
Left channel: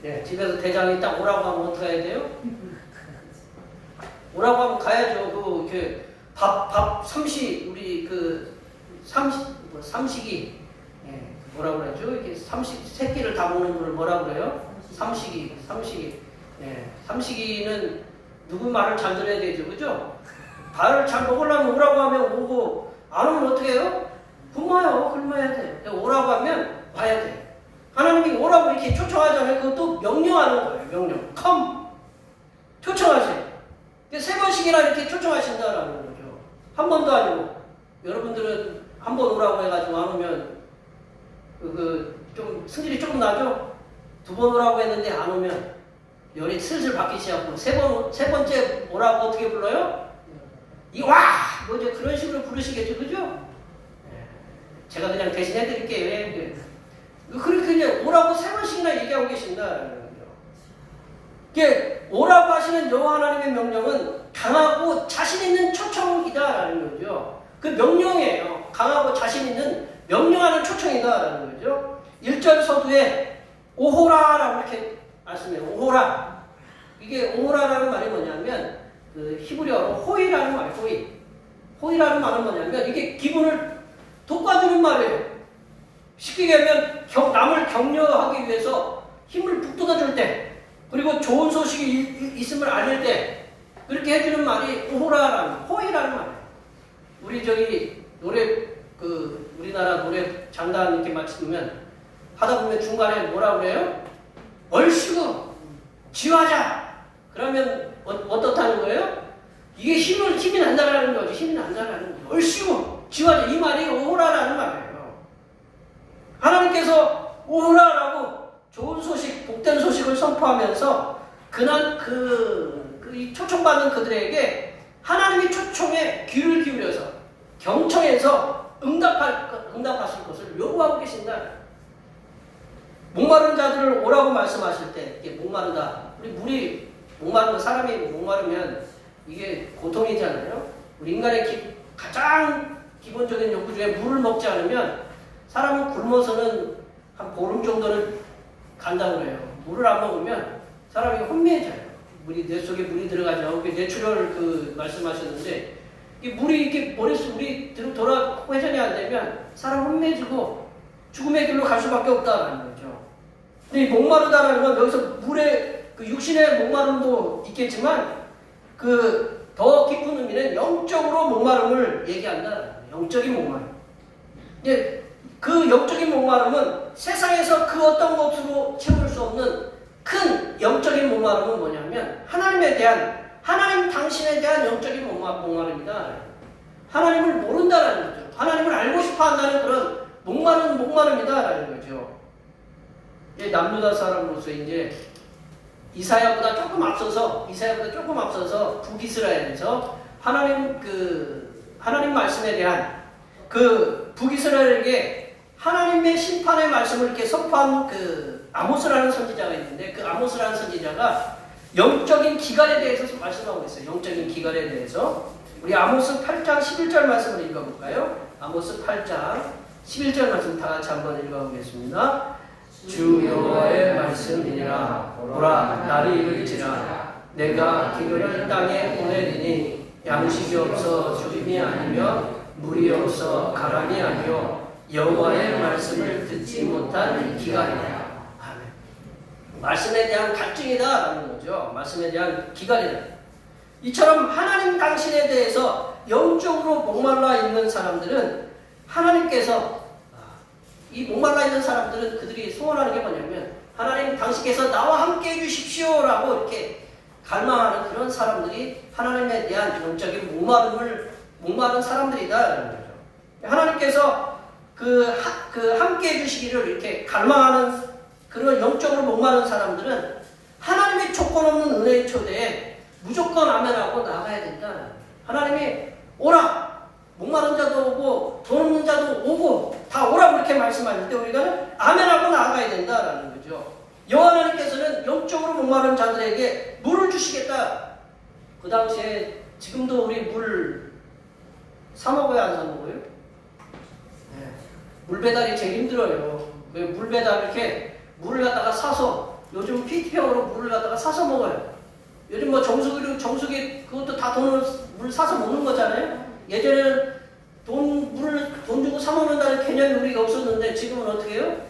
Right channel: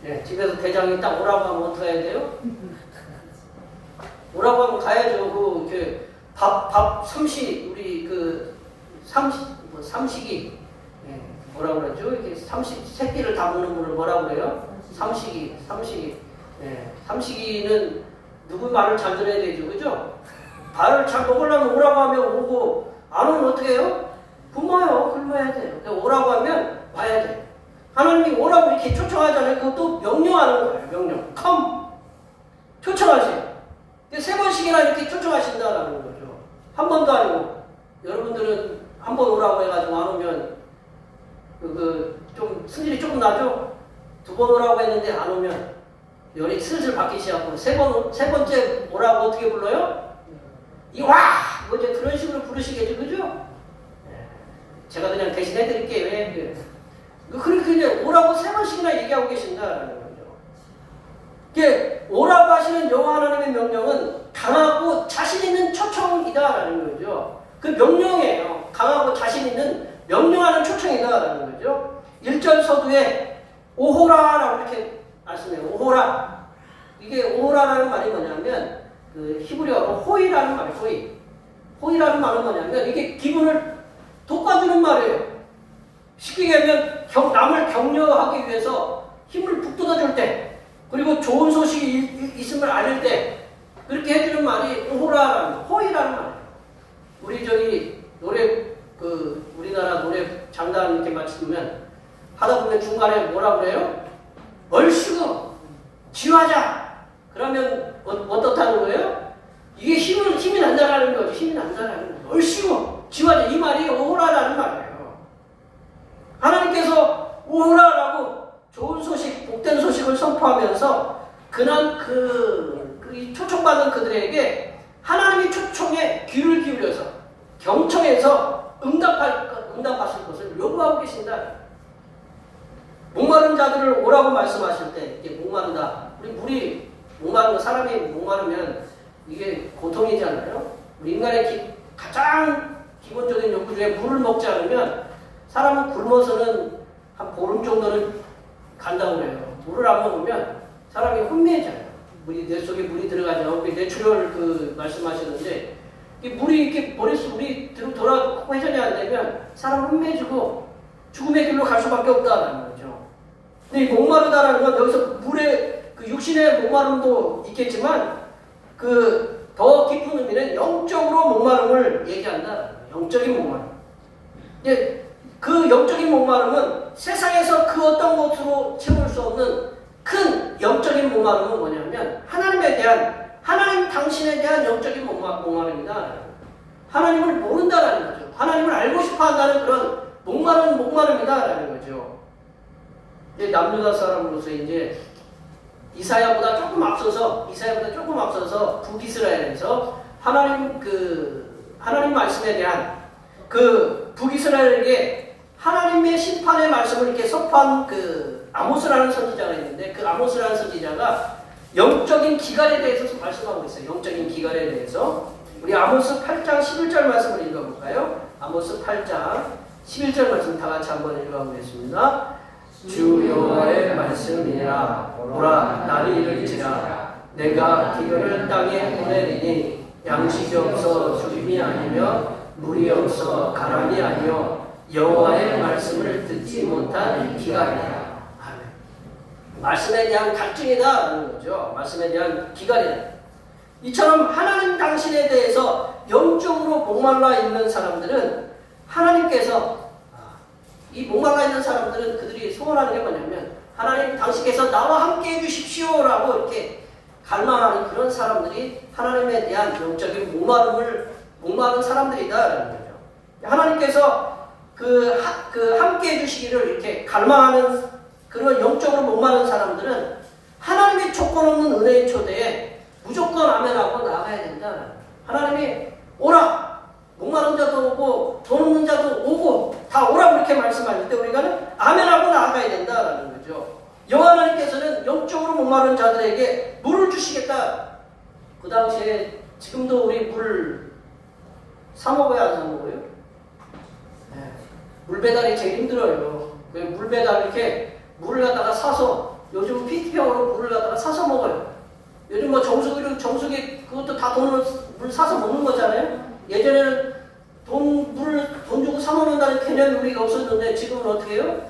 네, 집에서 대장이 딱 오라고 하면 어떻게 해야 돼요? 오라고 하면 가야죠. 삼시 우리 삼식이 뭐라고 그러죠? 이렇게 새끼를 담그는 분을 뭐라고 그래요? 삼식이. 네, 삼식이는 누구 말을 잘 들어야 되죠, 그죠? 밥을 잘 먹으려면 오라고 하면 오고 안 오면 어떻게 해요? 굶어야 돼. 오라고 하면 와야 돼. 하나님이 오라고 이렇게 초청하잖아요. 그것도 명령하는 거예요. 명령. 초청하세요. 3번씩이나 이렇게 초청하신다라는 거죠. 한 번도 아니고 여러분들은 한 번 오라고 해가지고 안 오면 좀 승질이 조금 나죠? 2번 오라고 했는데 안 오면 열이 슬슬 받기 시작하고 세 번째 오라고 어떻게 불러요? 뭐 이제 그런 식으로 부르시겠죠, 그죠? 제가 그냥 대신 해드릴게요. 그렇게 이제 오라고 3번씩이나 얘기하고 계신다라는 거죠. 이게 오라고 하시는 여호와 하나님의 명령은 강하고 자신 있는 초청이다라는 거죠. 그 명령이에요. 강하고 자신 있는 명령하는 초청이다라는 거죠. 1절 서두에 오호라라고 이렇게 말씀해요. 오호라. 이게 오호라라는 말이 뭐냐면 히브리어로 호이라는 말, 호이라는 말은 뭐냐면 이게 기분을 돋궈주는 말이에요. 쉽게 얘기하면 남을 격려하기 위해서 힘을 북돋아줄 때, 그리고 좋은 소식이 있음을 알릴 때 그렇게 해주는 말이 호이라는 말이에요. 우리 노래 우리나라 노래 장단 이렇게 맞추면 하다 보면 중간에 뭐라 그래요? 얼씨구 지화자. 그러면 어떻다는 거예요? 이게 힘이 난다라는 거죠. 힘이 난다라는 거죠. 얼씨구 지화자. 이 말이 오호라라는 말이에요. 하나님께서 오호라라고 좋은 소식, 복된 소식을 선포하면서 그날 이 초청받는 그들에게 하나님의 초청에 귀를 기울여서 경청해서 응답하실 것을 요구하고 계신다. 목마른 자들을 오라고 말씀하실 때 이게 목마르다. 우리 목마른 사람이 목마르면 이게 고통이잖아요. 우리 인간의 가장 기본적인 욕구 중에 물을 먹지 않으면 사람은 굶어서는 한 보름 정도는 간다고 그래요. 물을 안 먹으면 사람이 혼미해져요. 뇌 속에 물이 들어가죠. 뇌출혈 말씀하셨는데 이 물이 이렇게 머릿속 우리 돌아 회전이 안 되면 사람 혼매지고 죽음의 길로 갈 수밖에 없다는 거죠. 근데 이 목마르다라는 건 여기서 물의 그 육신의 목마름도 있겠지만 그 더 깊은 의미는 영적으로 목마름을 얘기한다. 영적인 목마름. 이제 그 영적인 목마름은 세상에서 그 어떤 것으로 채울 수 없는 큰 영적인 목마름은 뭐냐면 하나님 당신에 대한 영적인 목마름입니다. 하나님을 모른다라는 거죠. 하나님을 알고 싶어 한다는 그런 목마름이다라는 거죠. 남유다 사람으로서 이제 이사야보다 조금 앞서서 북이스라엘에서 하나님 말씀에 대한 그 북이스라엘에게 하나님의 심판의 말씀을 이렇게 선포한 그 아모스라는 선지자가 있는데 그 아모스라는 선지자가 영적인 기갈에 대해서 말씀하고 있어요. 영적인 기갈에 대해서 우리 아모스 8장 11절 말씀을 읽어볼까요? 아모스 8장 11절 말씀 다 같이 한번 읽어보겠습니다. 주 여호와의 말씀이니라. 보라 날이 이르리라. 내가 기근을 땅에 보내리니 양식이 없어 주림이 아니며 물이 없어 가람이 아니요 여호와의 말씀을 듣지 못한 기갈이라. 아멘. 말씀에 대한 갈증이다라는 거죠. 말씀에 대한 기갈이다. 이처럼 하나님 당신에 대해서 영적으로 목말라 있는 사람들은 하나님께서 이 목말라 있는 사람들은 그들이 소원하는 게 뭐냐면 하나님 당신께서 나와 함께 해주십시오라고 이렇게 갈망하는 그런 사람들이 하나님에 대한 영적인 목마른 사람들이다라는 거죠. 하나님께서 함께 해주시기를 이렇게 갈망하는 그런 영적으로 목마른 사람들은 하나님의 조건 없는 은혜의 초대에 무조건 아멘하고 나가야 된다. 하나님이 오라! 목마른 자도 오고 돈 없는 자도 오고 다 오라고 그렇게 말씀하실 때 우리가 아멘하고 나아가야 된다라는 거죠. 여호와 하나님께서는 영적으로 목마른 자들에게 물을 주시겠다. 그 당시에 지금도 우리 물을 사 먹어야 안 사 먹어요? 네. 물 배달이 제일 힘들어요. 물 배달 이렇게 물을 갖다가 사서 요즘 PT병으로 물을 갖다가 사서 먹어요. 요즘 뭐 정수기 그것도 다 물 사서 먹는 거잖아요. 예전에는 돈 주고 사 먹는다는 개념이 우리가 없었는데 지금은 어떻게 해요?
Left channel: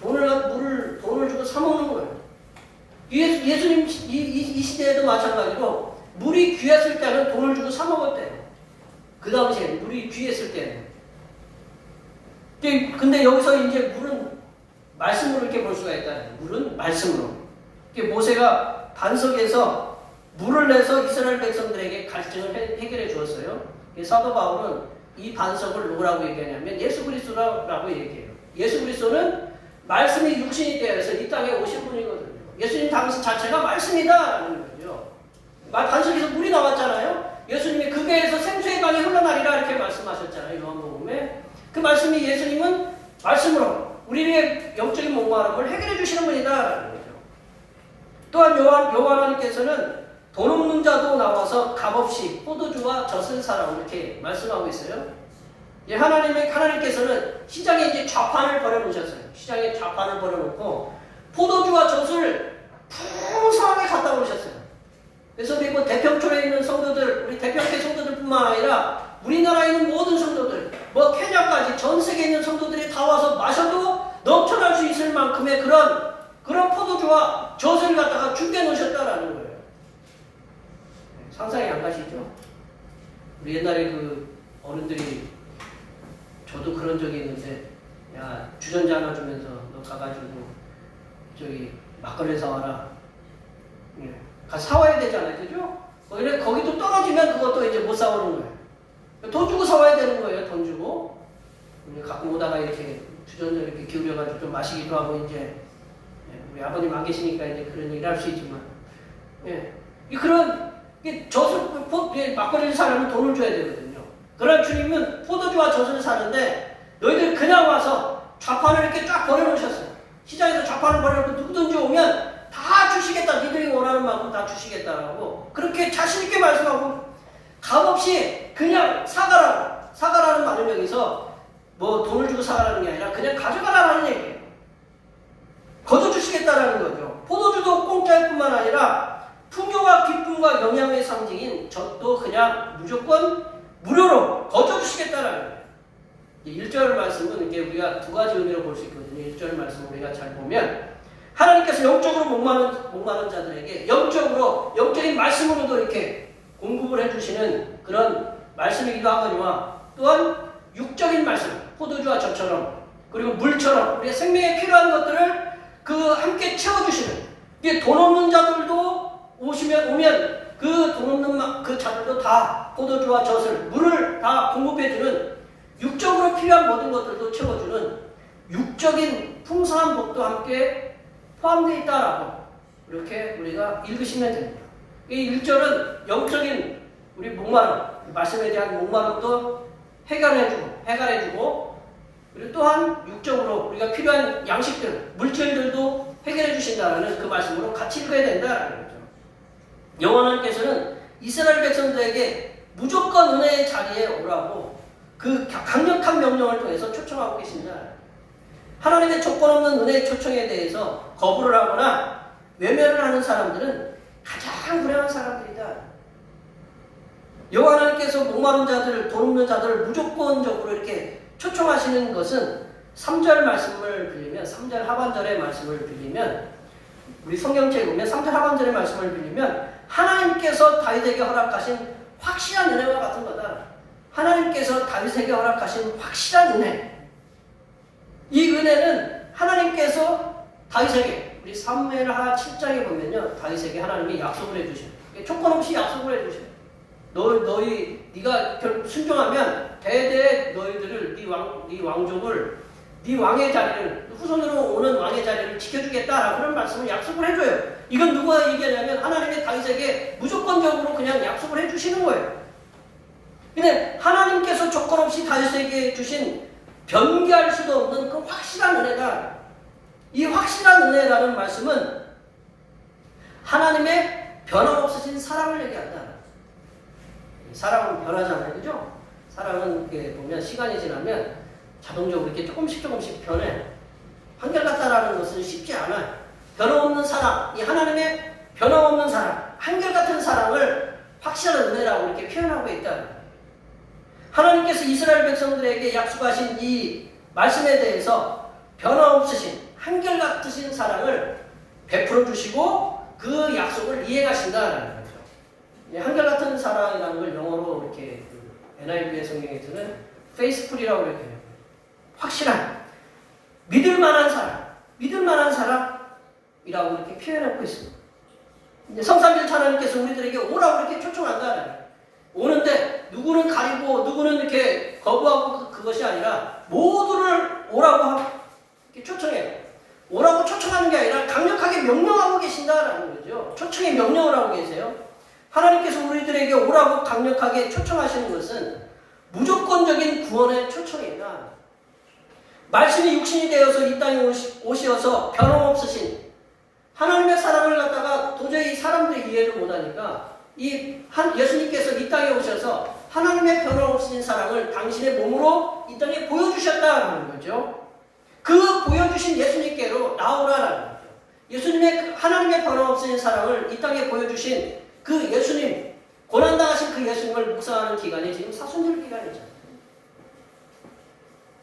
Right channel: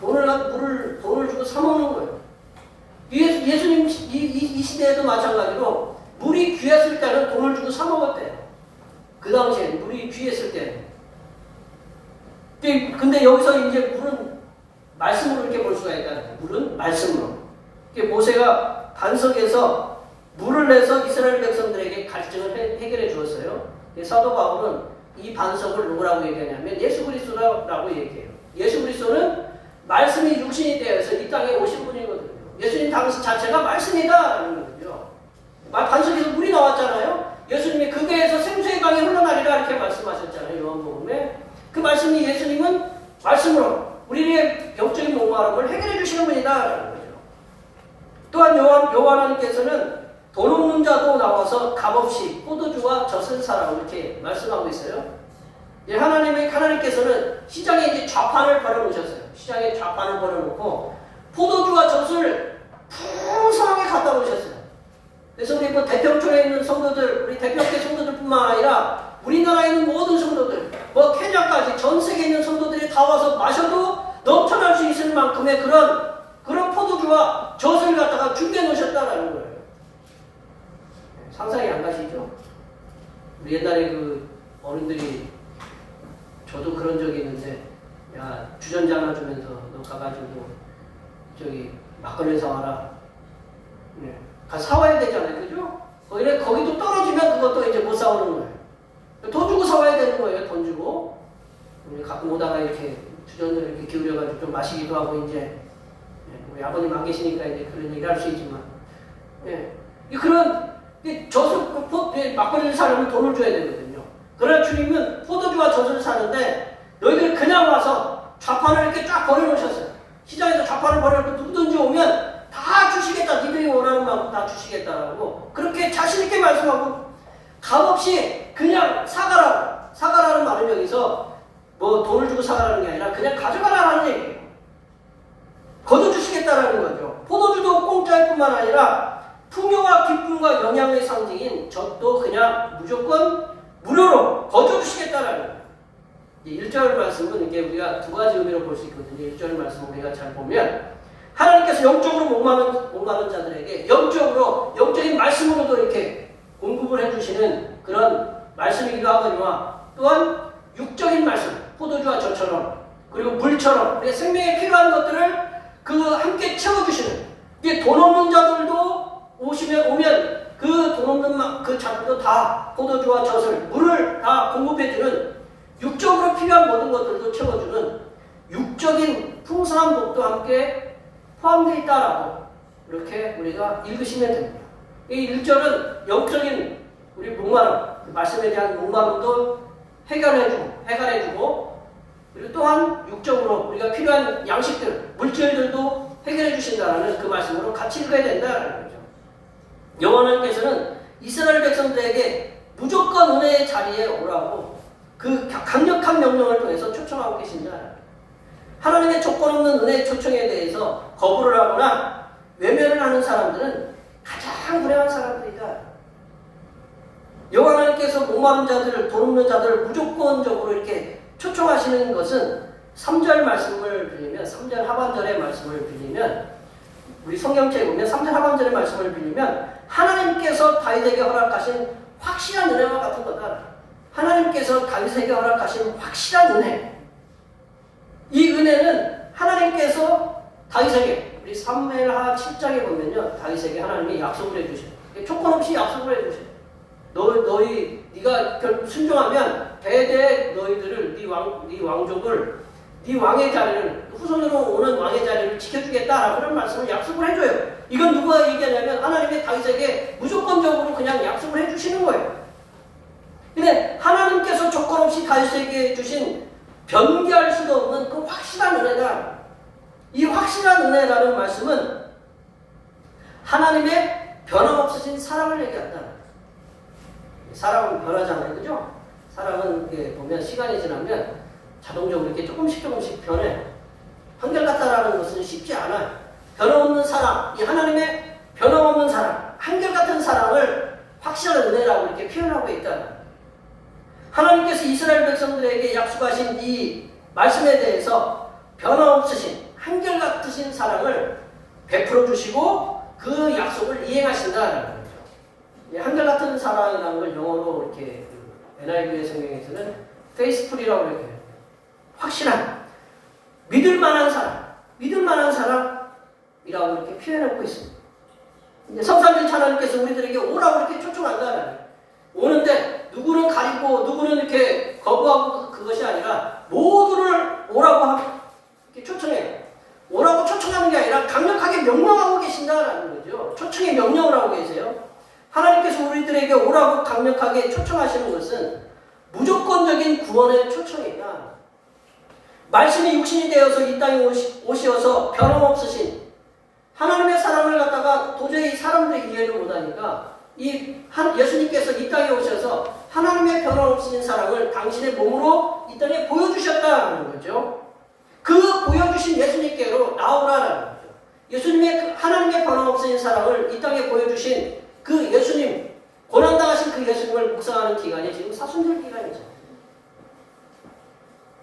돈을 주고 사 먹는 거예요. 예수님 이 시대에도 마찬가지로 물이 귀했을 때는 돈을 주고 사 먹었대요. 그 당시에 물이 귀했을 때. 근데 여기서 이제 물은 말씀으로 이렇게 볼 수가 있다. 물은 말씀으로. 모세가 반석에서 물을 내서 이스라엘 백성들에게 갈증을 해결해 주었어요. 사도 바울은 이 반석을 누구라고 얘기하냐면 예수 그리스도라고 얘기해요. 예수 그리스도는 말씀이 육신이 되어서 이 땅에 오신 분이거든요. 예수님 당신 자체가 말씀이다라는 거죠. 반석에서 물이 나왔잖아요. 예수님이 그 배에서 생수의 강이 흘러나리라 이렇게 말씀하셨잖아요. 요한복음에. 그 말씀이 예수님은 말씀으로 우리의 영적인 목마름을 해결해 주시는 분이다라는 거죠. 또한 요한하나님께서는 돈 없는 자도 나와서 값없이 포도주와 젖을 사라 이렇게 말씀하고 있어요. 하나님께서는 시장에 이제 좌판을 벌여놓으셨어요. 시장에 좌판을 벌여놓고 포도주와 젖을 풍성하게 갖다 놓으셨어요. 그래서 우리 대평촌에 있는 성도들, 우리 대평교 성도들뿐만 아니라 우리나라에 있는 모든 성도들, 케냐까지 전 세계에 있는 성도들이 다 와서 마셔도 넘쳐날 수 있을 만큼의 그런 포도주와 젖을 갖다가 준비해 놓으셨다라는 거예요. 상상이 안 가시죠? 우리 옛날에 그 어른들이 저도 그런 적이 있는데 야 주전자 하나 주면서 너 가가지고 저기 막걸리 사와라. 예. 가서 사와야 되잖아요, 그죠? 거기도 떨어지면 그것도 이제 못 사오는 거예요. 돈 주고 사와야 되는 거예요, 돈 주고. 가끔 오다가 이렇게 주전자 이렇게 기울여가지고 좀 마시기도 하고 이제 우리 아버님 안 계시니까 이제 그런 얘기를 할 수 있지만 막걸리를 사려면 돈을 줘야 되거든요. 그러나 주님은 포도주와 젖을 사는데 너희들 그냥 와서 좌판을 이렇게 쫙 버려놓으셨어요. 시장에서 좌판을 버려놓고 누구든지 오면 다 주시겠다. 니들이 원하는 만큼 다 주시겠다라고 그렇게 자신있게 말씀하고 값없이 그냥 사가라는 말은 여기서 돈을 주고 사가라는 게 아니라 그냥 가져가라는 얘기예요. 거둬주시겠다라는 거죠. 포도주도 공짜일 뿐만 아니라 풍요와 기쁨과 영양의 상징인 젖도 그냥 무조건 무료로 거둬주시겠다라는 거예요. 1절 말씀은 이게 우리가 두 가지 의미로 볼 수 있거든요. 1절 말씀을 우리가 잘 보면 하나님께서 영적으로 목마른 자들에게 영적인 말씀으로도 이렇게 공급을 해주시는 그런 말씀이기도 하거니와 또한 육적인 말씀, 포도주와 저처럼 그리고 물처럼 우리의 생명에 필요한 것들을 함께 채워주시는 이게 돈 없는 자들도 오면 그 돈 없는 그 자들도 다 포도주와 젖을 물을 다 공급해주는 육적으로 필요한 모든 것들도 채워주는 육적인 풍성한 복도 함께 포함되어 있다라고 이렇게 우리가 읽으시면 됩니다. 이 1절은 영적인 우리 목마름, 말씀에 대한 목마름도 해결해주고 그리고 또한 육적으로 우리가 필요한 양식들, 물질들도 해결해 주신다는 그 말씀으로 같이 읽어야 된다는 거죠. 여호와께서는 이스라엘 백성들에게 무조건 은혜의 자리에 오라고 그 강력한 명령을 통해서 초청하고 계십니다. 하나님의 조건 없는 은혜의 초청에 대해서 거부를 하거나 외면을 하는 사람들은 가장 불행한 사람들이다. 여호와 하나님께서 목마른 자들, 돈 없는 자들을 무조건적으로 이렇게 초청하시는 것은 3절 말씀을 빌리면 3절 하반절의 말씀을 빌리면 우리 성경책에 보면 3절 하반절의 말씀을 빌리면 하나님께서 다윗에게 허락하신 확실한 은혜와 같은 거다. 하나님께서 다윗에게 허락하신 확실한 은혜. 이 은혜는 하나님께서 다윗에게 우리 사무엘하 7장에 보면요. 다윗에게 하나님이 약속을 해주셔요. 조건 없이 약속을 해주셔요. 네가 순종하면 대대 너희들을 네 왕족을 네 왕의 자리를 후손으로 오는 왕의 자리를 지켜주겠다라고 그런 말씀을 약속을 해줘요. 이건 누가 얘기하냐면 하나님의 다윗에게 무조건적으로 그냥 약속을 해주시는 거예요. 근데 하나님께서 조건 없이 다윗에게 주신 변개할 수도 없는 그 확실한 은혜다. 이 확실한 은혜라는 말씀은 하나님의 변함없으신 사랑을 얘기한다. 사랑은 변하잖아요. 그죠? 사랑은 이렇게 보면 시간이 지나면 자동적으로 이렇게 조금씩 변해. 한결같다라는 것은 쉽지 않아요. 변함없는 사랑, 이 하나님의 변함없는 사랑, 한결같은 사랑을 확실한 은혜라고 이렇게 표현하고 있다. 하나님께서 이스라엘 백성들에게 약속하신 이 말씀에 대해서 변함없으신 한결같으신 사랑을 베풀어 주시고 그 약속을 이행하신다는 거죠. 한결같은 사랑이라는 걸 영어로 이렇게 NIV의 성경에서는 faithful이라고 이렇게 해요. 확실한, 믿을만한 사랑이라고 이렇게 표현하고 있습니다. 성삼일 하나님께서 우리들에게 오라고 이렇게 초청한다는 거예요. 오는데 누구는 가리고 누구는 이렇게 거부하고 그것이 아니라 모두를 오라고 이렇게 초청해요. 오라고 초청하는 게 아니라 강력하게 명령하고 계신다라는 거죠. 초청의 명령을 하고 계세요. 하나님께서 우리들에게 오라고 강력하게 초청하시는 것은 무조건적인 구원의 초청이다. 말씀이 육신이 되어서 이 땅에 오셔서 변함없으신 하나님의 사랑을 갖다가 도저히 사람들이 이해를 못하니까 예수님께서 이 땅에 오셔서 하나님의 변함없으신 사랑을 당신의 몸으로 이 땅에 보여주셨다는 거죠. 그 보여주신 예수님께로 나오라는 거죠. 예수님의 하나님의 변함없으신 사랑을 이 땅에 보여주신 그 예수님, 고난당하신 그 예수님을 묵상하는 기간이 지금 사순절 기간이죠.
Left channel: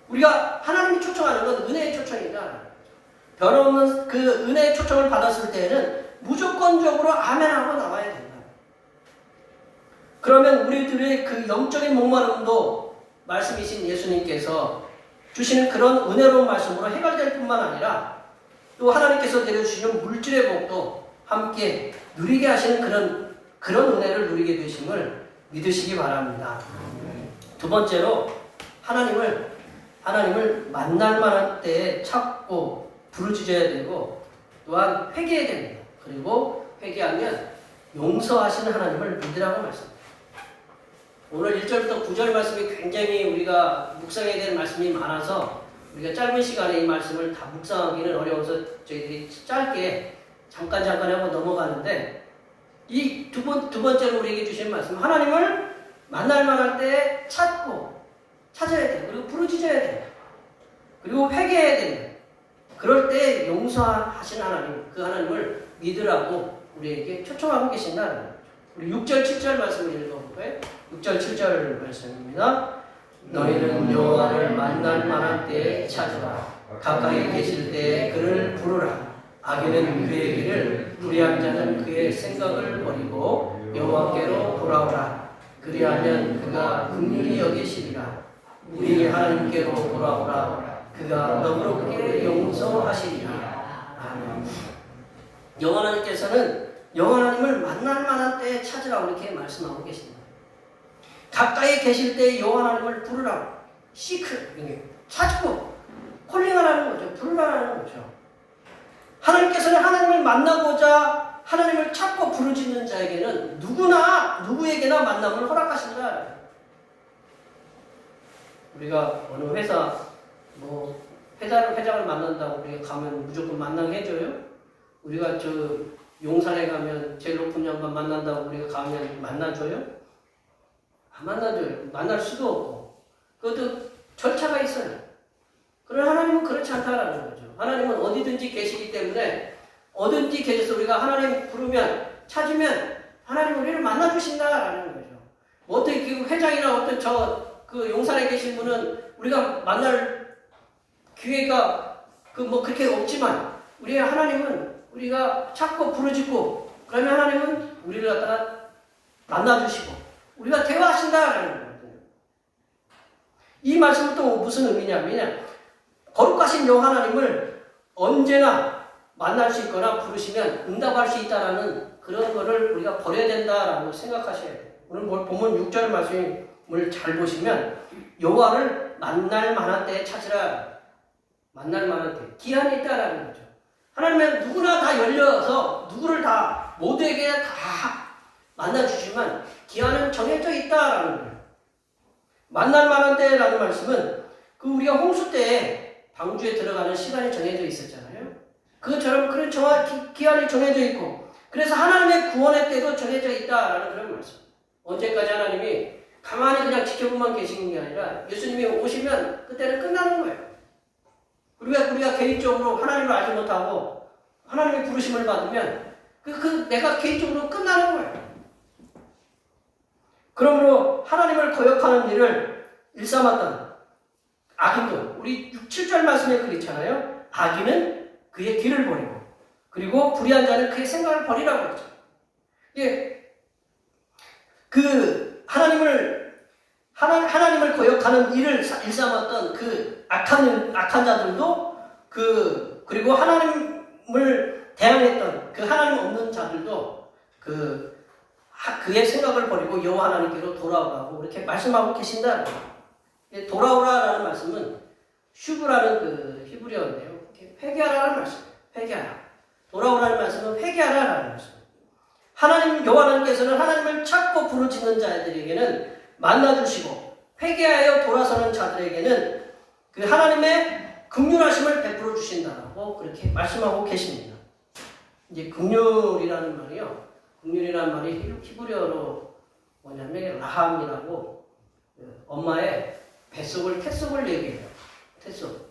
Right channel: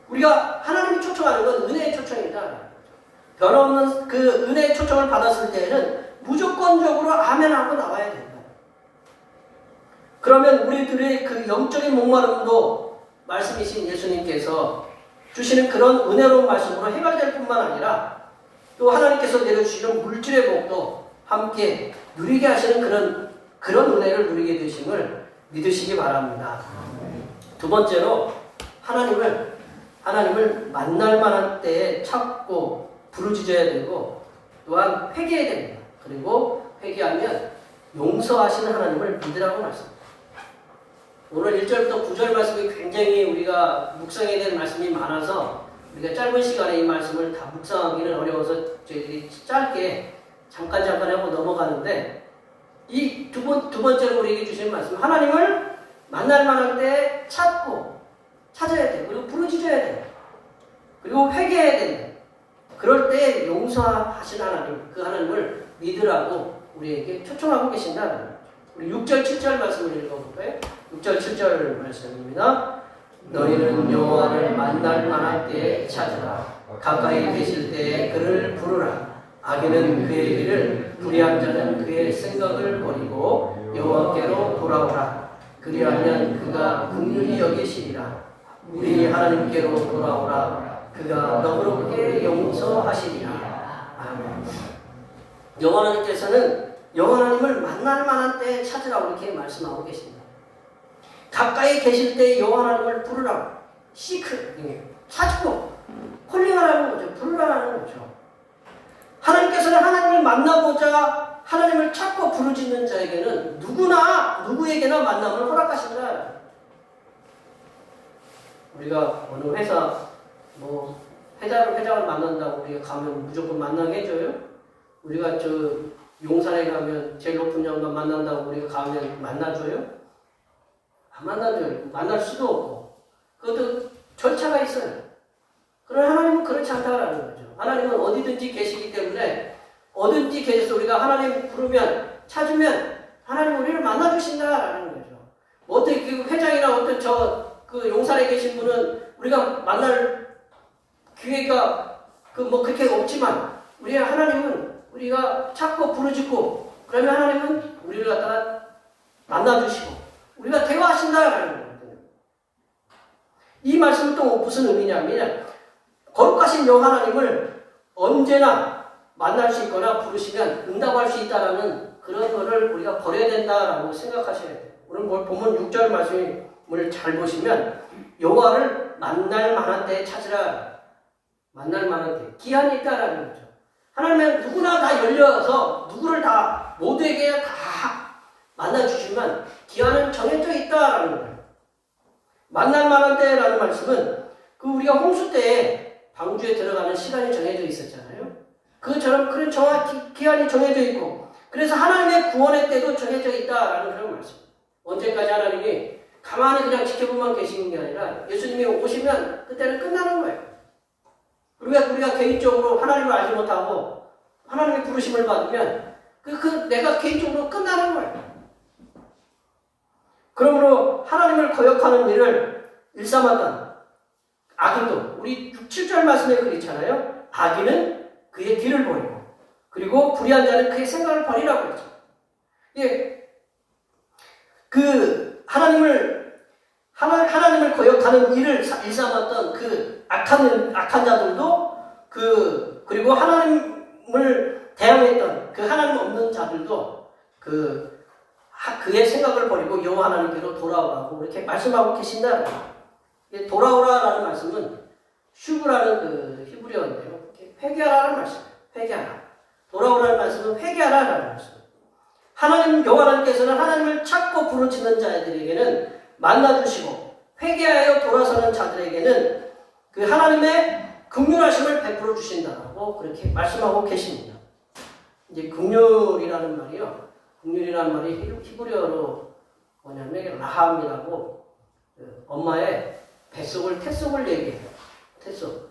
우리가 하나님이 초청하는 건 은혜의 초청이다. 변함없는 그 은혜의 초청을 받았을 때에는 무조건적으로 아멘하고 나와야 된다. 그러면 우리들의 그 영적인 목마름도 말씀이신 예수님께서 주시는 그런 은혜로운 말씀으로 해결될 뿐만 아니라 또 하나님께서 내려주시는 물질의 복도 함께 누리게 하시는 그런 은혜를 누리게 되심을 믿으시기 바랍니다. 두 번째로 하나님을 만날 만한 때에 찾고 부르짖어야 되고 또한 회개해야 됩니다. 그리고 회개하면 용서하시는 하나님을 믿으라고 말씀합니다. 오늘 1절부터 9절 말씀이 굉장히 우리가 묵상해야 되는 말씀이 많아서 우리가 짧은 시간에 이 말씀을 다 묵상하기는 어려워서 저희들이 짧게 잠깐 하고 넘어가는데 이 두 번째로 우리에게 주신 말씀, 하나님을 만날 만한 때 찾아야 돼요. 그리고 부르짖어야 돼요. 그리고 회개해야 됩니다. 그럴 때 용서하신 하나님, 그 하나님을 믿으라고 우리에게 초청하고 계신다는 거예요. 우리 6절, 7절 말씀을 읽어볼까요? 6절 7절 말씀입니다. 너희는 여호와를 만날 만한 때에 찾으라. 가까이 계실 때에 그를 부르라. 악인은 그의 길을, 불의한 자는 그의 생각을 버리고 여호와께로 돌아오라. 그리하면 그가 긍휼히 여기시리라. 우리 하나님께로 돌아오라. 그가 너그럽게 용서하시리라. 아멘. 여호와 하나님께서는 여호와 하나님을 만날 만한 때에 찾으라고 이렇게 말씀하고 계십니다. 가까이 계실 때 여호와 하나님을 부르라고. 시크, 찾고 콜링하라는 거죠. 부르라는 거죠. 하나님께서는 하나님을 만나고자 하나님을 찾고 부르짖는 자에게는 누구에게나 만남을 허락하신다. 우리가 어느 회사 회장을 만난다고 우리가 가면 무조건 만나게 해줘요? 우리가 용산에 가면 제일 높은 양반 만난다고 우리가 가면 만나줘요? 안 만나줘요. 만날 수도 없고. 그것도 절차가 있어요. 그러나 하나님은 그렇지 않다라는 거죠. 하나님은 어디든지 계시기 때문에 어딘지 계셔서 우리가 하나님 부르면 찾으면 하나님 우리를 만나주신다라는 거죠. 뭐 어떻게 회장이나 어떤 그 용산에 계신 분은 우리가 만날 기회가 그렇게 없지만 하나님은 우리가 찾고 부르짖고 그러면 하나님은 우리를 갖다가 만나주시고 우리가 대화하신다라는 거예요. 이 말씀은 또 무슨 의미냐면 거룩하신 여호와 하나님을 언제나 만날 수 있거나 부르시면 응답할 수 있다라는 그런 거를 우리가 버려야 된다라고 생각하셔야 돼요. 오늘 본문 6절 말씀을 잘 보시면 여호와를 만날 만한 때에 찾으라. 만날 만한 때 기한이 있다라는 거죠. 하나님은 누구나 다 열려서 누구를 다 모두에게 다 만나주시면 기한은 정해져 있다라는 거예요. 만날 만한 때라는 말씀은 우리가 홍수 때에 방주에 들어가는 시간이 정해져 있었잖아요. 그것처럼 그런 정확히 기한이 정해져 있고 그래서 하나님의 구원의 때도 정해져 있다라는 그런 말씀. 언제까지 하나님이 가만히 그냥 지켜보만 계시는 게 아니라 예수님이 오시면 그때는 끝나는 거예요. 우리가 개인적으로 하나님을 알지 못하고 하나님의 부르심을 받으면 내가 개인적으로 끝나는 거예요. 그러므로 하나님을 거역하는 일을 일삼았던 악인도 우리 7절 말씀에 그렇잖아요. 악인은 그의 길을 버리고 그리고 불의한 자는 그의 생각을 버리라고 했죠. 하나님을 거역하는 일을 일삼았던 그 악한 자들도 그리고 하나님을 대항했던 그 하나님 없는 자들도 그의 생각을 버리고 여호와 하나님께로 돌아오라고 이렇게 말씀하고 계신다. 돌아오라라는 말씀은 슈브라는 히브리어인데요. 회개하라는 말씀. 회개하라. 돌아오라는 말씀은 회개하라라는 말씀. 하나님 여호와 하나님께서는 하나님을 찾고 부르짖는 자들에게는 만나주시고 회개하여 돌아서는 자들에게는 그 하나님의 긍휼하심을 베풀어 주신다고 그렇게 말씀하고 계십니다. 이제 긍휼이라는 말이요. 긍휼이라는 말이 히브리어로 뭐냐면 라함이라고 엄마의 뱃속을 얘기해요. 뱃속.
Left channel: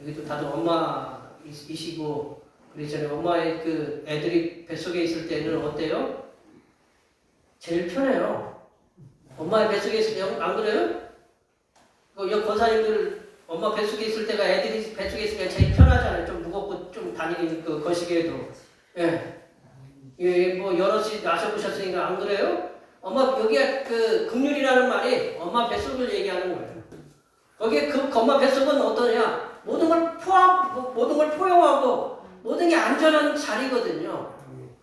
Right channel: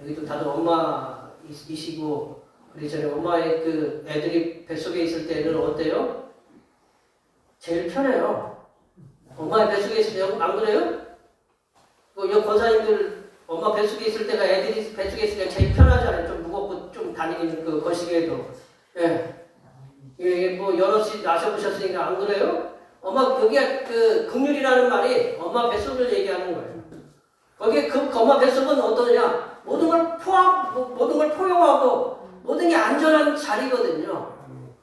여기도 다들 엄마이시고 우리 전에 엄마의 애들이 뱃속에 있을 때는 어때요? 제일 편해요. 엄마의 뱃속에 있을 때 안 그래요? 여기 권사님들 엄마 뱃속에 있을 때가 애들이 뱃속에 있을 때 제일 편하잖아요. 좀 무겁고 좀 다니는 거시기에도. 여럿이 나셔보셨으니까 안 그래요? 여기에 긍휼이라는 말이 엄마 뱃속을 얘기하는 거예요. 거기에 엄마 뱃속은 어떠냐? 모든 걸 포용하고 모든 게 안전한 자리거든요.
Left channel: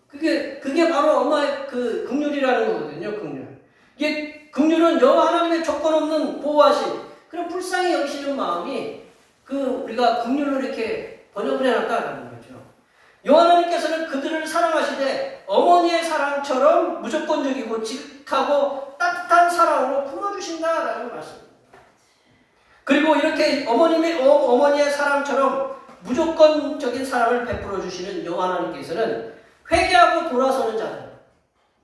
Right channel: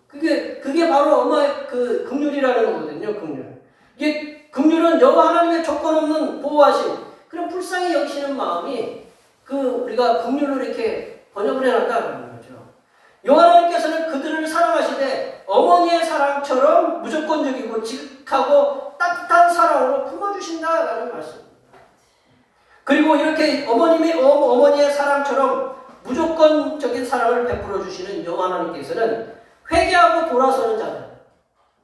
그게 바로 엄마의 긍휼이라는 거거든요. 이게 긍휼은 여호와 하나님의 조건 없는 보호하심, 그런 불쌍히 여기시는 마음이 우리가 긍휼로 이렇게 번역을 해놨다는 거죠. 여호와 하나님께서는 그들을 사랑하시되 어머니의 사랑처럼 무조건적이고 지극하고 따뜻한 사랑으로 품어주신다라는 말씀입니다. 그리고 이렇게 어머니의 사랑처럼 무조건적인 사랑을 베풀어 주시는 여호와 하나님께서는 회개하고 돌아서는 자들.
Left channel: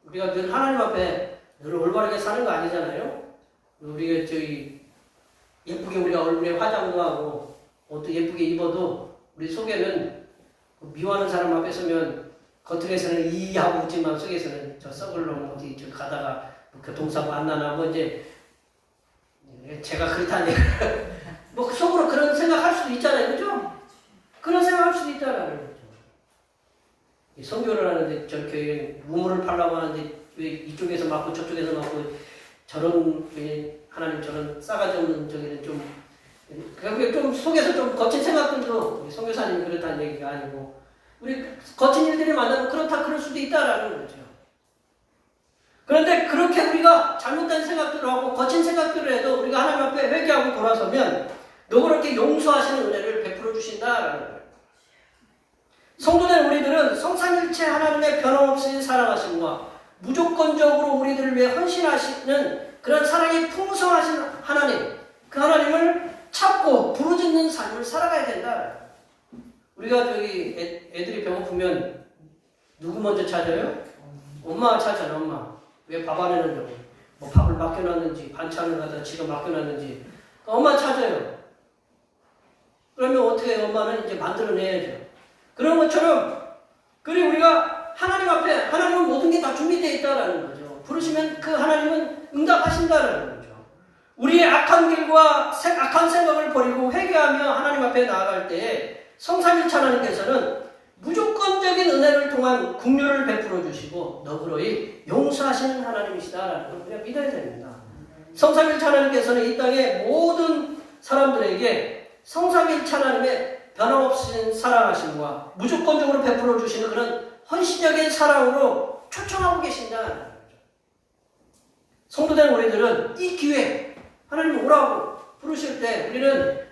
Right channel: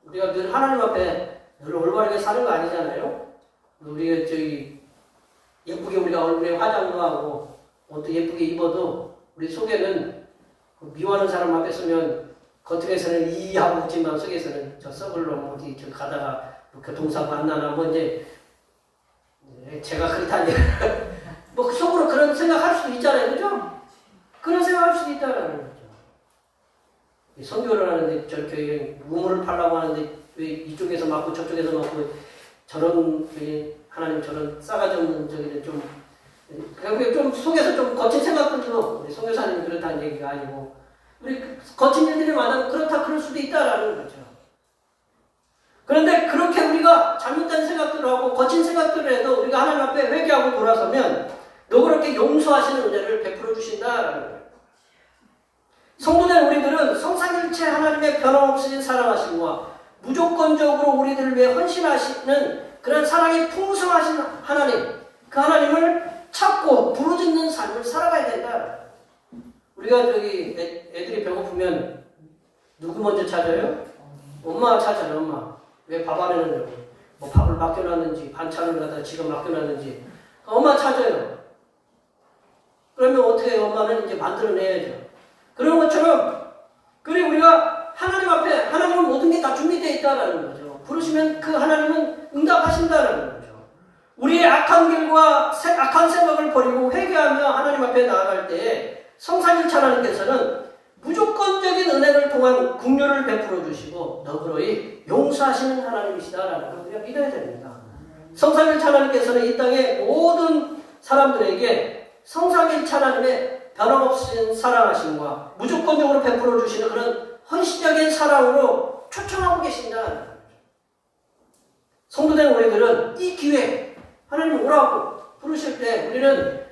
우리가 늘 하나님 앞에 늘 올바르게 사는 거 아니잖아요. 우리가 예쁘게 우리가 얼굴에 화장도 하고 옷도 예쁘게 입어도 우리 속에는 미워하는 사람 앞에 서면 겉으로서는 이하고 웃지만 속에서는 저 썩을 놈 어디 가다가 교통사고 안 나나 뭐 이제 제가 그렇다니 뭐 속으로 그런 생각할 수도 있잖아요, 그죠? 그런 생각할 수도 있다라는 거죠. 선교를 하는데 저렇게 우물을 파려고 하는데 왜 이쪽에서 맞고 저쪽에서 맞고 저런 하나님 저런 싸가지 없는 저기는 좀 그러니까 좀 속에서 좀 거친 생각들도 우리 선교사님이 그렇다는 얘기가 아니고 우리 거친 일들이 많으면 그렇다 그럴 수도 있다라는 거죠. 그런데 그렇게 우리가 잘못된 생각들을 하고 거친 생각들을 해도 우리가 하나님 앞에 회개하고 돌아서면 너그럽게 용서하시는 은혜를 베풀어 주신다라는 거예요. 성도된 우리들은 성삼일체 하나님의 변함없이 사랑하심과 무조건적으로 우리들을 위해 헌신하시는 그런 사랑이 풍성하신 하나님, 그 하나님을 찾고 부르짖는 삶을 살아가야 된다. 우리가 저기 애들이 배고프면 누구 먼저 찾아요? 엄마가 찾아요, 엄마. 왜 밥 안 해놓는 뭐 밥을 맡겨놨는지 반찬을 갖다 지가 맡겨놨는지 엄마 찾아요. 그러면 어떻게 해요? 엄마는 이제 만들어내야죠. 그런 것처럼 그리고 우리가 하나님 앞에 하나님은 모든 게 다 준비되어 있다는 거죠. 부르시면 그 하나님은 응답하신다는 거죠. 우리의 악한 길과 악한 생각을 버리고 회개하며 하나님 앞에 나아갈 때에 성삼일체 하나님께서는 무조건적인 은혜를 통한 긍휼을 베풀어 주시고 너그러이 용서하시는 하나님이시다라는 걸 우리가 믿어야 됩니다. 성삼일체 하나님께서는 이 땅의 모든 사람들에게 성삼일체 하나님의 변함없이 사랑하심과 무조건적으로 베풀어 주시는 그런 헌신적인 사랑으로 초청하고 계신다. 성도된 우리들은 이 기회 하나님 오라고 부르실 때 우리는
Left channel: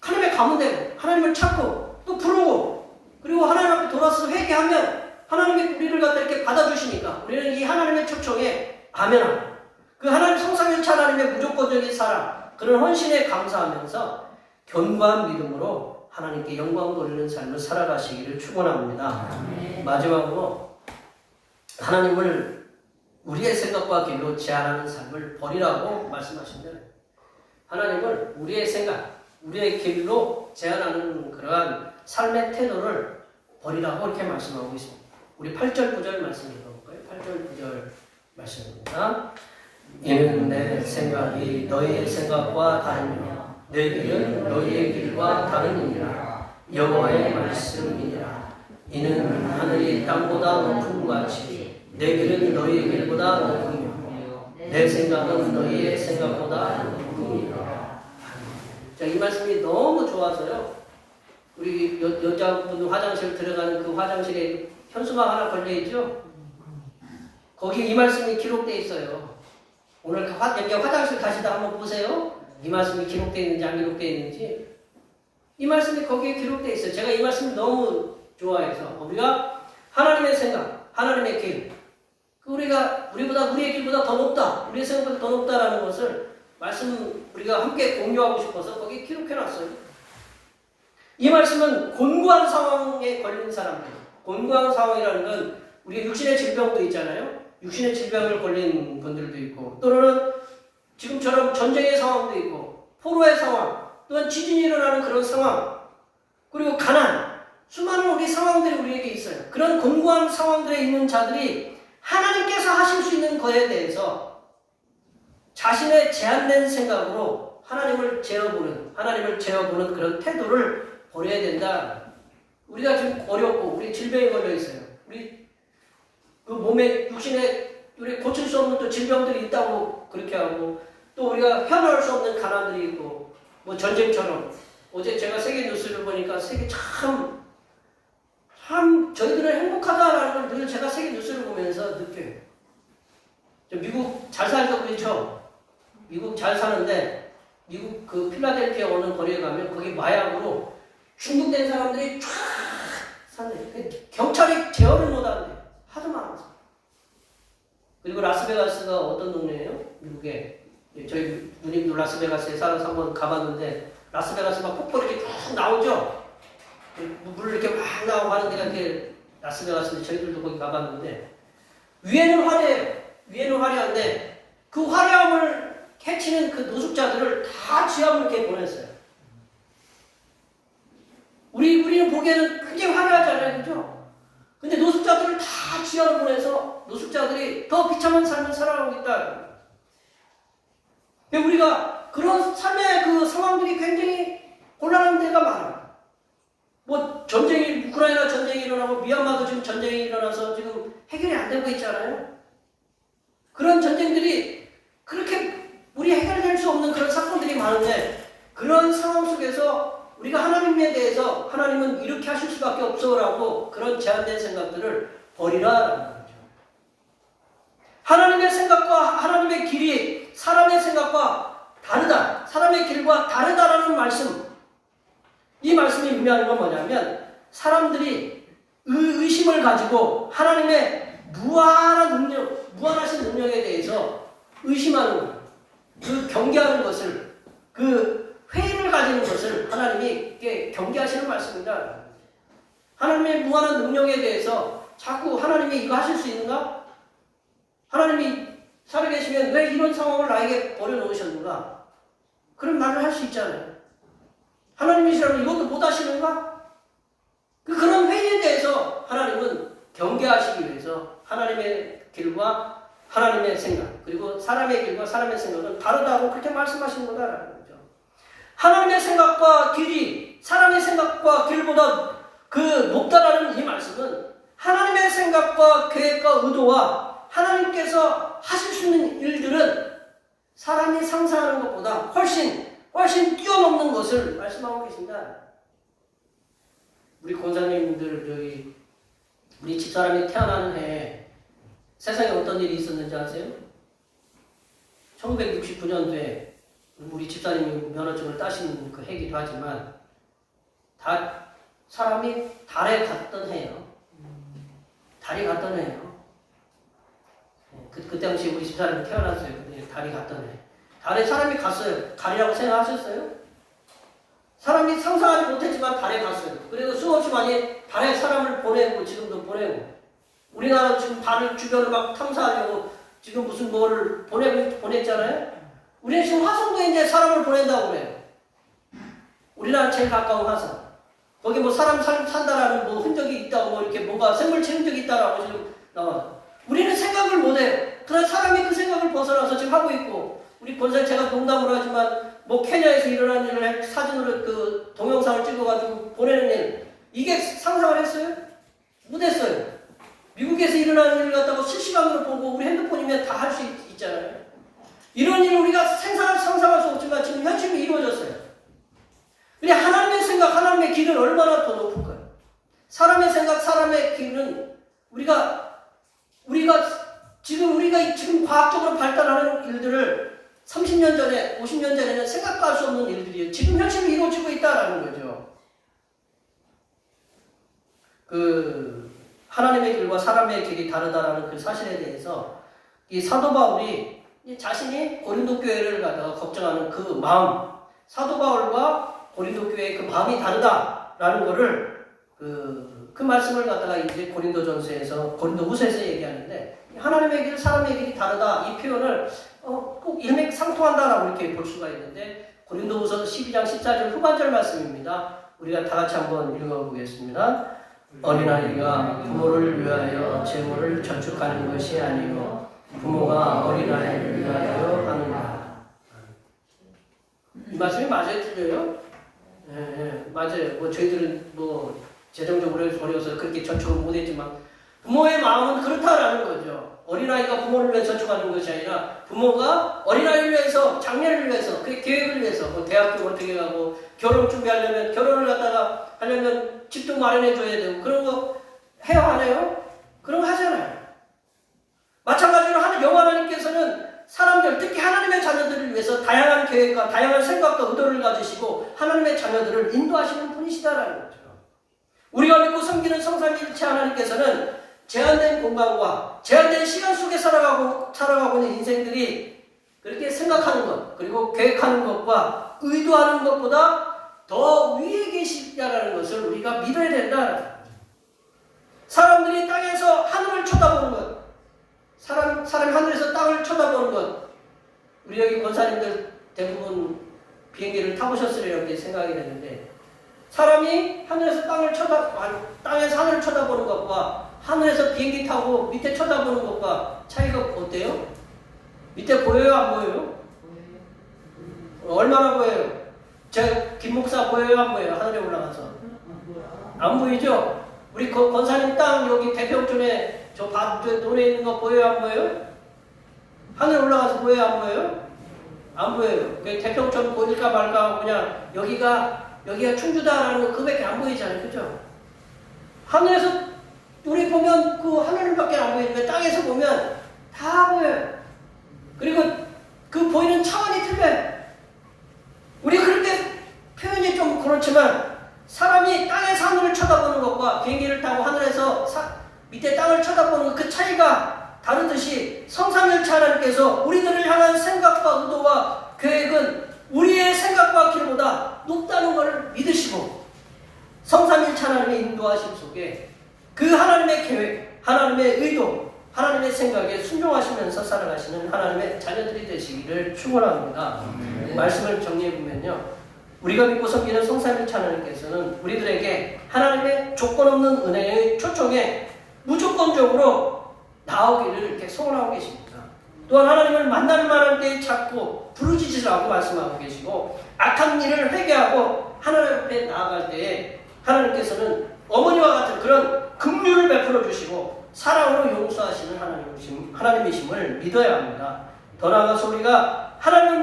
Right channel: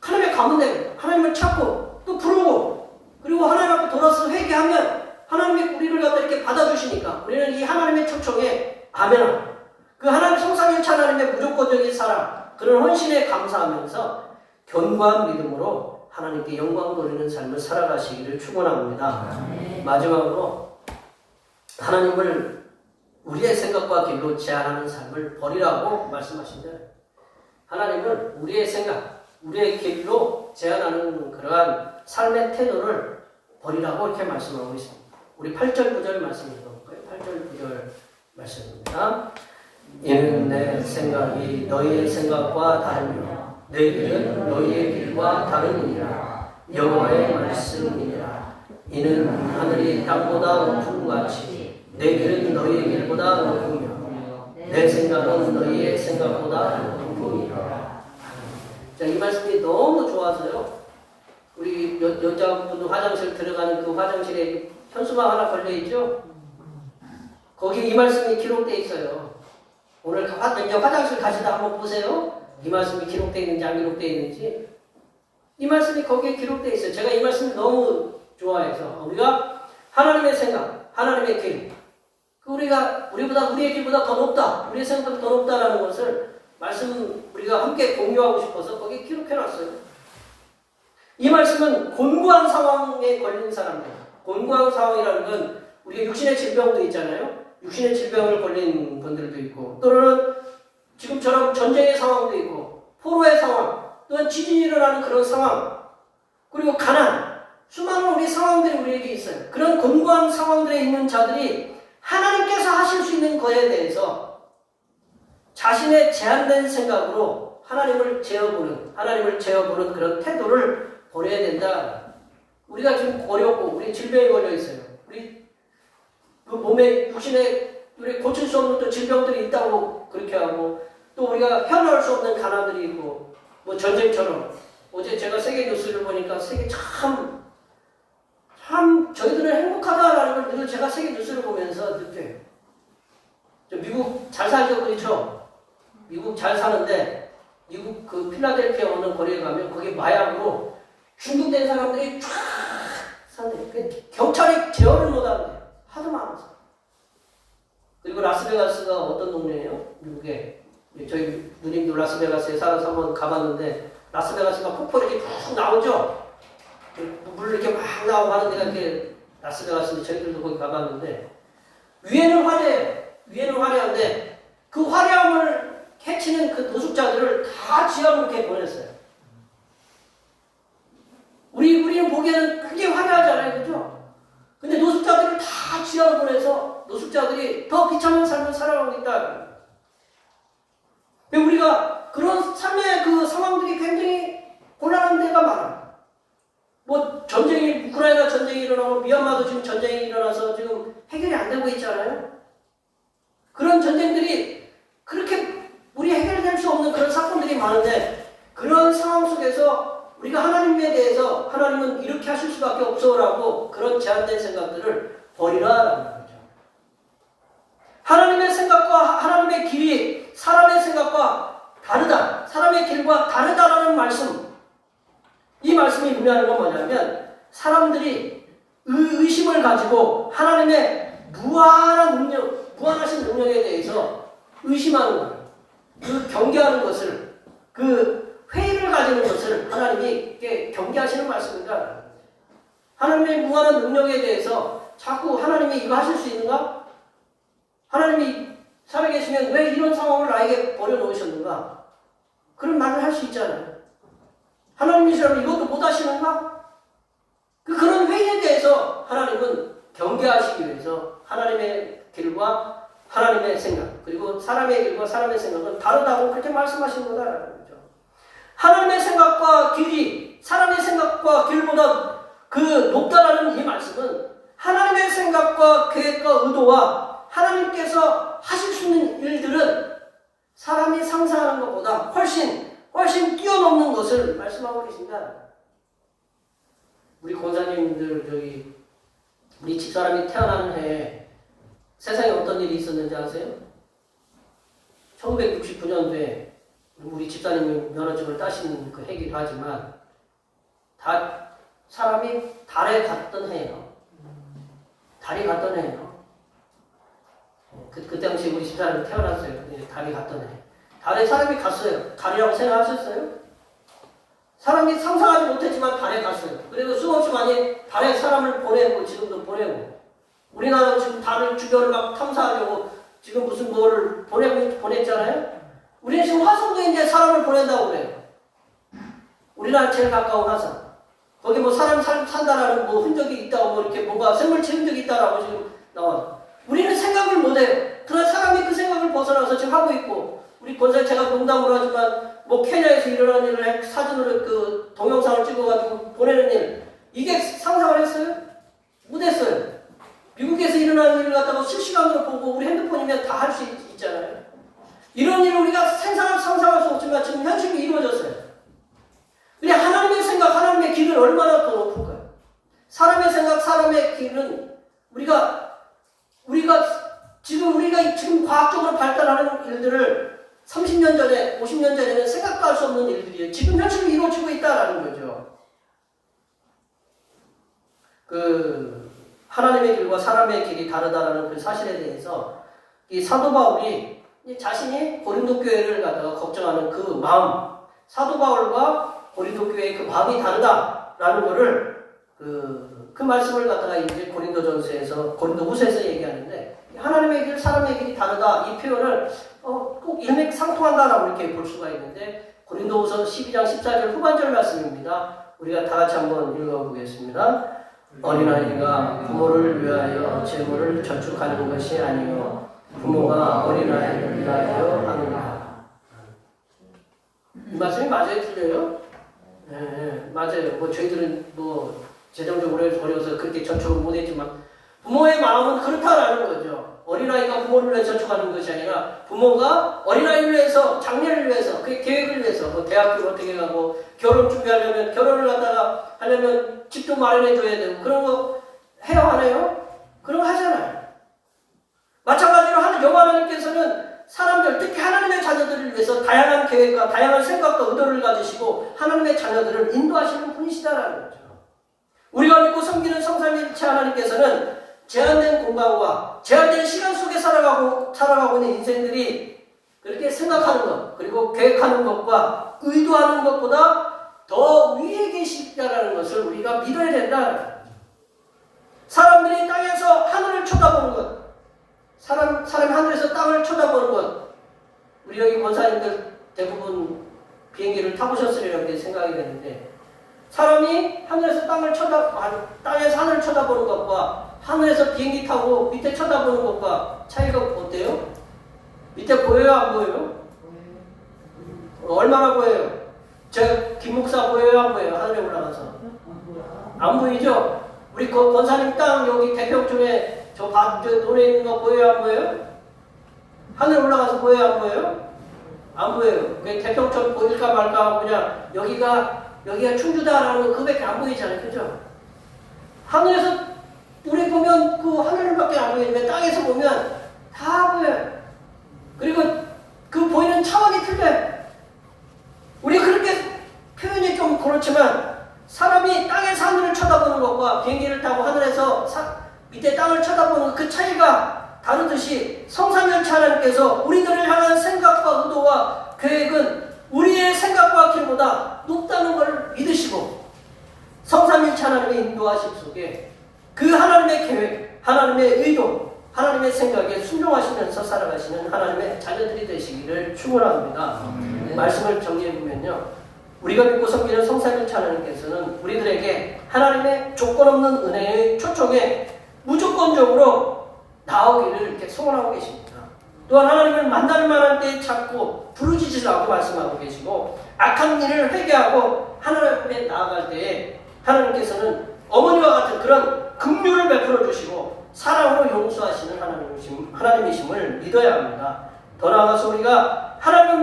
하나님의 가문되고 하나님을 찾고 또 부르고 그리고 하나님 앞에 돌아서 회개하면 하나님이 우리를 갖다 이렇게 받아주시니까 우리는 이 하나님의 초청에 아멘하고 그 하나님 성삼일체 하나님의 무조건적인 사랑 그런 헌신에 감사하면서 견고한 믿음으로 하나님께 영광 돌리는 삶을 살아가시기를 축원합니다. 마지막으로 하나님을 우리의 생각과 길로 제한하는 삶을 버리라고 말씀하신다. 하나님을 우리의 생각, 우리의 길로 제한하는 그러한 삶의 태도를 버리라고 이렇게 말씀하고 있습니다. 우리 8절 9절 말씀 읽어볼까요? 8절 9절 말씀입니다. 이는 내 생각이 너희의 생각과 다르며 내 길은 너희의 길과 다르니라. 여호와의 말씀이니라. 이는 하늘이 땅보다 높은 같이 내 길은 너희의 길보다 높으며 내 생각은 너희의 생각보다 높으니라. 자, 이 말씀이 너무 좋아서요. 우리 여자분 화장실 들어가는 그 화장실에 현수막 하나 걸려있죠? 거기 이 말씀이 기록되어 있어요. 오늘 화장실 가시다 한번 보세요. 이 말씀이 기록되어 있는지 안 기록되어 있는지. 이 말씀이 거기에 기록되어 있어요. 제가 이 말씀 너무 좋아해서 우리가 하나님의 생각, 하나님의 길 우리보다 우리의 길보다 더 높다. 우리의 생각보다 더 높다라는 것을 말씀 우리가 함께 공유하고 싶어서 거기에 기록해놨어요. 이 말씀은 곤고한 상황에 걸린 사람들, 곤고한 상황이라는 건 우리 육신의 질병도 있잖아요. 육신의 질병을 걸린 분들도 있고 또는 지금처럼 전쟁의 상황도 있고 포로의 상황 또는 지진이 일어나는 그런 상황 그리고 가난 수많은 우리 상황들이 우리에게 있어요. 그런 곤고한 상황들에 있는 자들이 하나님께서 하실 수 있는 것에 대해서 자신의 제한된 생각으로 하나님을 제어보는 그런 태도를 버려야 된다. 우리가 지금 어렵고 우리 질병에 걸려 있어요. 우리 그 몸에 육신에 우리 고칠 수 없는 또 질병들이 있다고 그렇게 하고 또 우리가 헤어나올 수 없는 가난들이 있고 뭐 전쟁처럼 어제 제가 세계 뉴스를 보니까 세계 참 저희들은 행복하다라는 걸 늘 제가 세계 뉴스를 보면서 느껴요. 미국 잘 살죠, 그렇죠? 미국 잘 사는데 미국 그 필라델피아 어느 거리에 가면 거기 마약으로 중독된 사람들이 쫙 사는데 경찰이 제어를 못하는데 하도 많아서. 그리고 라스베가스가 어떤 동네예요? 미국에 저희 누님도 라스베가스에 살아서 한번 가봤는데 라스베가스가 폭포 이렇게 쭉 나오죠? 물 이렇게 막 나오고 하는 데가 이렇게 라스베가스인데 저희들도 거기 가봤는데 위에는 화려해요. 위에는 화려한데 그 화려함을 해치는 그 노숙자들을 다 지하로 이렇게 보냈어요. 우리는 보기에는 굉장히 화려하잖아요. 그죠? 근데 노숙자들을 다 지하로 보내서 노숙자들이 더 비참한 삶을 살아가고 있다. 우리가 그런 삶의 그 상황들이 굉장히 곤란한 데가 많아. 뭐 전쟁이, 우크라이나 전쟁이 일어나고 미얀마도 지금 전쟁이 일어나서 지금 해결이 안 되고 있잖아요. 그런 전쟁들이 그렇게 우리 해결될 수 없는 그런 사건들이 많은데, 그런 상황 속에서 우리가 하나님에 대해서 하나님은 이렇게 하실 수밖에 없어라고 그런 제한된 생각들을 버리라라는 거죠. 하나님의 생각과 하나님의 길이 사람의 생각과 다르다. 사람의 길과 다르다라는 말씀. 이 말씀이 의미하는 건 뭐냐면, 사람들이 의심을 가지고 하나님의 무한하신 능력에 대해서 의심하는 것, 그 경계하는 것을, 그 회의를 가지는 것을 하나님이 경계하시는 말씀입니다. 하나님의 무한한 능력에 대해서 자꾸 하나님이 이거 하실 수 있는가? 하나님이 살아계시면 왜 이런 상황을 나에게 버려놓으셨는가? 그런 말을 할 수 있잖아요. 하나님이시라면 이것도 못 하시는가? 그런 회의에 대해서 하나님은 경계하시기 위해서 하나님의 길과 하나님의 생각, 그리고 사람의 길과 사람의 생각은 다르다고 그렇게 말씀하시는 거라는 거죠. 하나님의 생각과 길이 사람의 생각과 길보다 그 높다라는 이 말씀은 하나님의 생각과 계획과 의도와 하나님께서 하실 수 있는 일들은 사람이 상상하는 것보다 훨씬 뛰어넘는 것을 말씀하고 계십니다. 우리 권사님들, 우리 집사람이 태어난 해에 세상에 어떤 일이 있었는지 아세요? 1969년도에 우리 집사님이 면허증을 따신 그 해기도 하지만, 사람이 달에 갔던 해예요. 달에 갔던 해예요. 그때 당시 우리 집사람이 태어났어요. 달에 갔던 해. 달에 사람이 갔어요. 달이라고 생각하셨어요? 사람이 상상하지 못했지만 달에 갔어요. 그래도 수없이 많이 달에 사람을 보내고, 지금도 보내고, 우리나라도 지금 달을 주변을 막 탐사하려고 지금 무슨 뭐를 보냈잖아요? 우리는 지금 화성도에 이제 사람을 보낸다고 그래요. 우리나라 제일 가까운 화성. 거기 뭐 사람 산다라는 뭐 흔적이 있다고, 뭐 이렇게 뭔가 생물체 흔적이 있다라고 지금 나와요. 우리는 생각을 못해요. 그러나 사람이 그 생각을 벗어나서 지금 하고 있고, 우리 권사님 제가 농담으로 하지만 뭐 케냐에서 일어난 일을 사진으로 그 동영상을 찍어가지고 보내는 일, 이게 상상을 했어요? 못했어요. 미국에서 일어나는 일을 갖다가 실시간으로 보고 우리 핸드폰이면 다 할 수 있잖아요. 이런 일을 우리가 상상할 수 없지만 지금 현실로 이루어졌어요. 근데 하나님의 생각, 하나님의 길은 얼마나 더 높을까요? 사람의 생각, 사람의 길은 우리가 지금 과학적으로 발달하는 일들을 30년 전에, 50년 전에는 생각도 할 수 없는 일들이에요. 지금 현실로 이루어지고 있다라는 거죠. 하나님의 길과 사람의 길이 다르다라는 그 사실에 대해서 이 사도 바울이 자신이 고린도 교회를 갖다가 걱정하는 그 마음, 사도 바울과 고린도 교회의 그 마음이 다르다라는 거를 그 말씀을 갖다가 이제 고린도후서에서 얘기하는데, 하나님의 길, 사람의 길이 다르다, 이 표현을 꼭 일맥상통한다라고 이렇게 볼 수가 있는데, 고린도후서 12장 14절 후반절 말씀입니다. 우리가 다 같이 한번 읽어보겠습니다. 어린아이가 부모를 위하여 재물을 저축하는 것이 아니요 부모가 어린아이를 위하여 하느니라. 이 말씀이 맞아요, 틀려요? 네, 맞아요. 뭐 저희들은 뭐 재정적으로 어려워서 그렇게 저축을 못했지만 부모의 마음은 그렇다라는 거죠. 어린아이가 부모를 위해 저축하는 것이 아니라 부모가 어린아이를 위해서, 장래를 위해서, 그 계획을 위해서, 뭐 대학교를 어떻게 가고 결혼 준비하려면, 결혼을 갖다가 하려면 집도 마련해 줘야 되고, 그런 거 해요, 안 해요? 그런 거 하잖아요. 마찬가지로 여호와 하나님께서는 사람들, 특히 하나님의 자녀들을 위해서 다양한 계획과 다양한 생각과 의도를 가지시고 하나님의 자녀들을 인도하시는 분이시다라는 거죠. 우리가 믿고 섬기는 성삼위일체 하나님께서는 제한된 공간과 제한된 시간 속에 살아가고 있는 인생들이 그렇게 생각하는 것, 그리고 계획하는 것과 의도하는 것보다 더 위에 계시다라는 것을 우리가 믿어야 된다. 사람들이 땅에서 하늘을 쳐다보는 것, 사람이 하늘에서 땅을 쳐다보는 것, 우리 여기 권사님들 대부분 비행기를 타보셨으면 이렇게 생각이 되는데, 사람이 하늘에서 땅에서 하늘을 쳐다보는 것과 하늘에서 비행기 타고 밑에 쳐다보는 것과 차이가 어때요? 밑에 보여요? 안 보여요? 얼마나 보여요? 김 목사 보여요? 안 보여요? 하늘에 올라가서 안 보이죠? 우리 권사님 땅 여기 대평촌에 저 논에 있는 거 보여요? 안 보여요? 하늘에 올라가서 보여요? 안 보여요? 안 보여요. 대평촌 보일까 말까 하고 그냥 여기가 충주다라는 거 그거밖에 안 보이잖아요. 그죠? 하늘에서 우리 보면 그 하늘밖에 안 보이는데 땅에서 보면 다 보여요. 그리고 그 보이는 차원이 틀려요. 우리 그렇게 표현이 좀 그렇지만 사람이 땅에서 하늘을 쳐다보는 것과 비행기를 타고 하늘에서 밑에 땅을 쳐다보는 그 차이가 다르듯이 성삼일체 하나님께서 우리들을 향한 생각과 의도와 계획은 우리의 생각과 길보다 높다는 것을 믿으시고 성삼일체 하나님의 인도하심 속에 그 하나님의 계획, 하나님의 의도, 하나님의 생각에 순종하시면서 살아가시는 하나님의 자녀들이 되시기를 축원합니다. 말씀을 정리해보면요. 우리가 믿고 섬기는 성삼일체 하나님께서는 우리들에게 하나님의 조건 없는 은혜의 초청에 무조건적으로 나오기를 이렇게 소원하고 계십니다. 또한 하나님을 만날 만한 때에 찾고 부르짖으라고 말씀하고 계시고 악한 일을 회개하고 하나님 앞에 나아갈 때에 하나님께서는 어머니와 같은 그런 긍휼을 베풀어 주시고 사랑으로 용서하시는 하나님이심을 믿어야 합니다. 더 나아가서 우리가 하나님을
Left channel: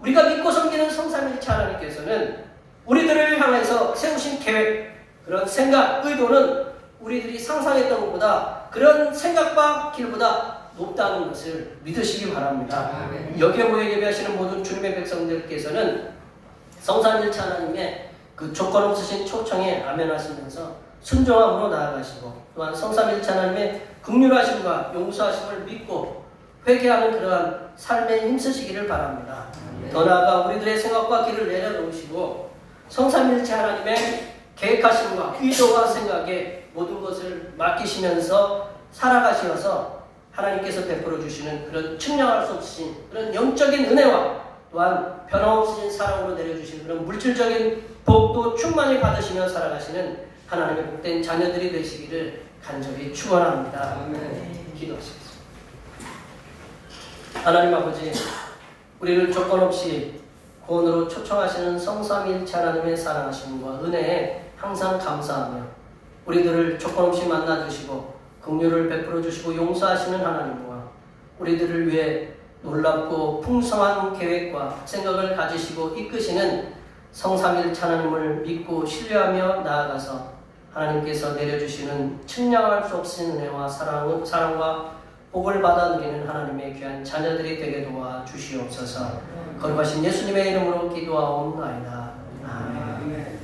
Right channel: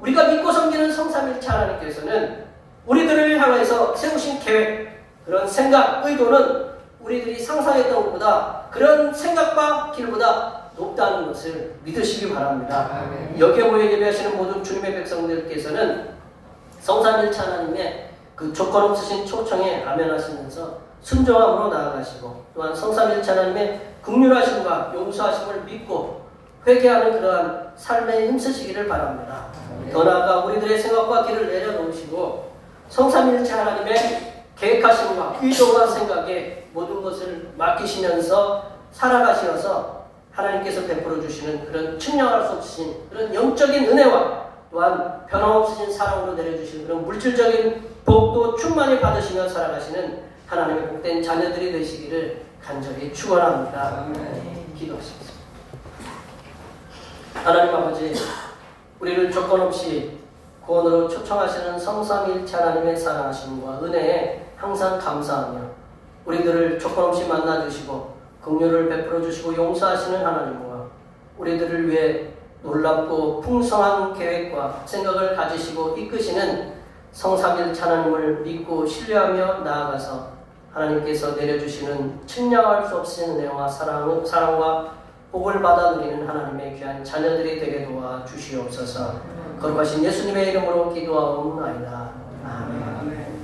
우리가 믿고 섬기는 성삼일체 하나님께서는 우리들을 향해서 세우신 계획, 그런 생각, 의도는 우리들이 상상했던 것보다 그런 생각과 길보다 높다는 것을 믿으시기 바랍니다. 여기에 모여 예배하시는 모든 주님의 백성들께서는 성삼일체 하나님의 그 조건 없으신 초청에 아멘하시면서 순종함으로 나아가시고 또한 성삼일체 하나님의 긍휼하심과 용서하심을 믿고 회개하는 그러한 삶에 힘쓰시기를 바랍니다. 더 나아가 우리들의 생각과 길을 내려놓으시고 성삼일체 하나님의 계획하심과 의도와 생각에 모든 것을 맡기시면서 살아가시어서 하나님께서 베풀어 주시는 그런 측량할 수 없으신 그런 영적인 은혜와 또한 변함없으신 사랑으로 내려주시는 그런 물질적인 복도 충만히 받으시며 살아가시는 하나님의 복된 자녀들이 되시기를 간절히 축원합니다. 기도하시겠습니다. 하나님 아버지, 우리를 조건 없이 구원으로 초청하시는 성삼일체 하나님의 사랑하심과 은혜에 항상 감사하며 우리들을 조건 없이 만나주시고 긍휼을 베풀어 주시고 용서하시는 하나님과 우리들을 위해 놀랍고 풍성한 계획과 생각을 가지시고 이끄시는 성삼일체 하나님을 믿고 신뢰하며 나아가서 하나님께서 내려주시는 측량할 수 없는 은혜와 사랑과 복을 받아들이는 하나님의 귀한 자녀들이 되게 도와 주시옵소서. 거룩하신 예수님의 이름으로 기도하옵나이다. 아멘.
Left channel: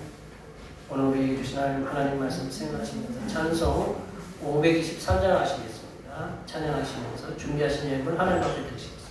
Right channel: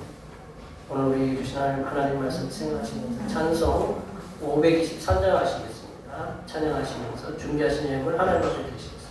오늘 우리 주신 하나님 말씀 생각하시면서 찬송 523장 하시겠습니다. 찬양하시면서 준비하신 예물을 하나님 앞에 드리겠습니다.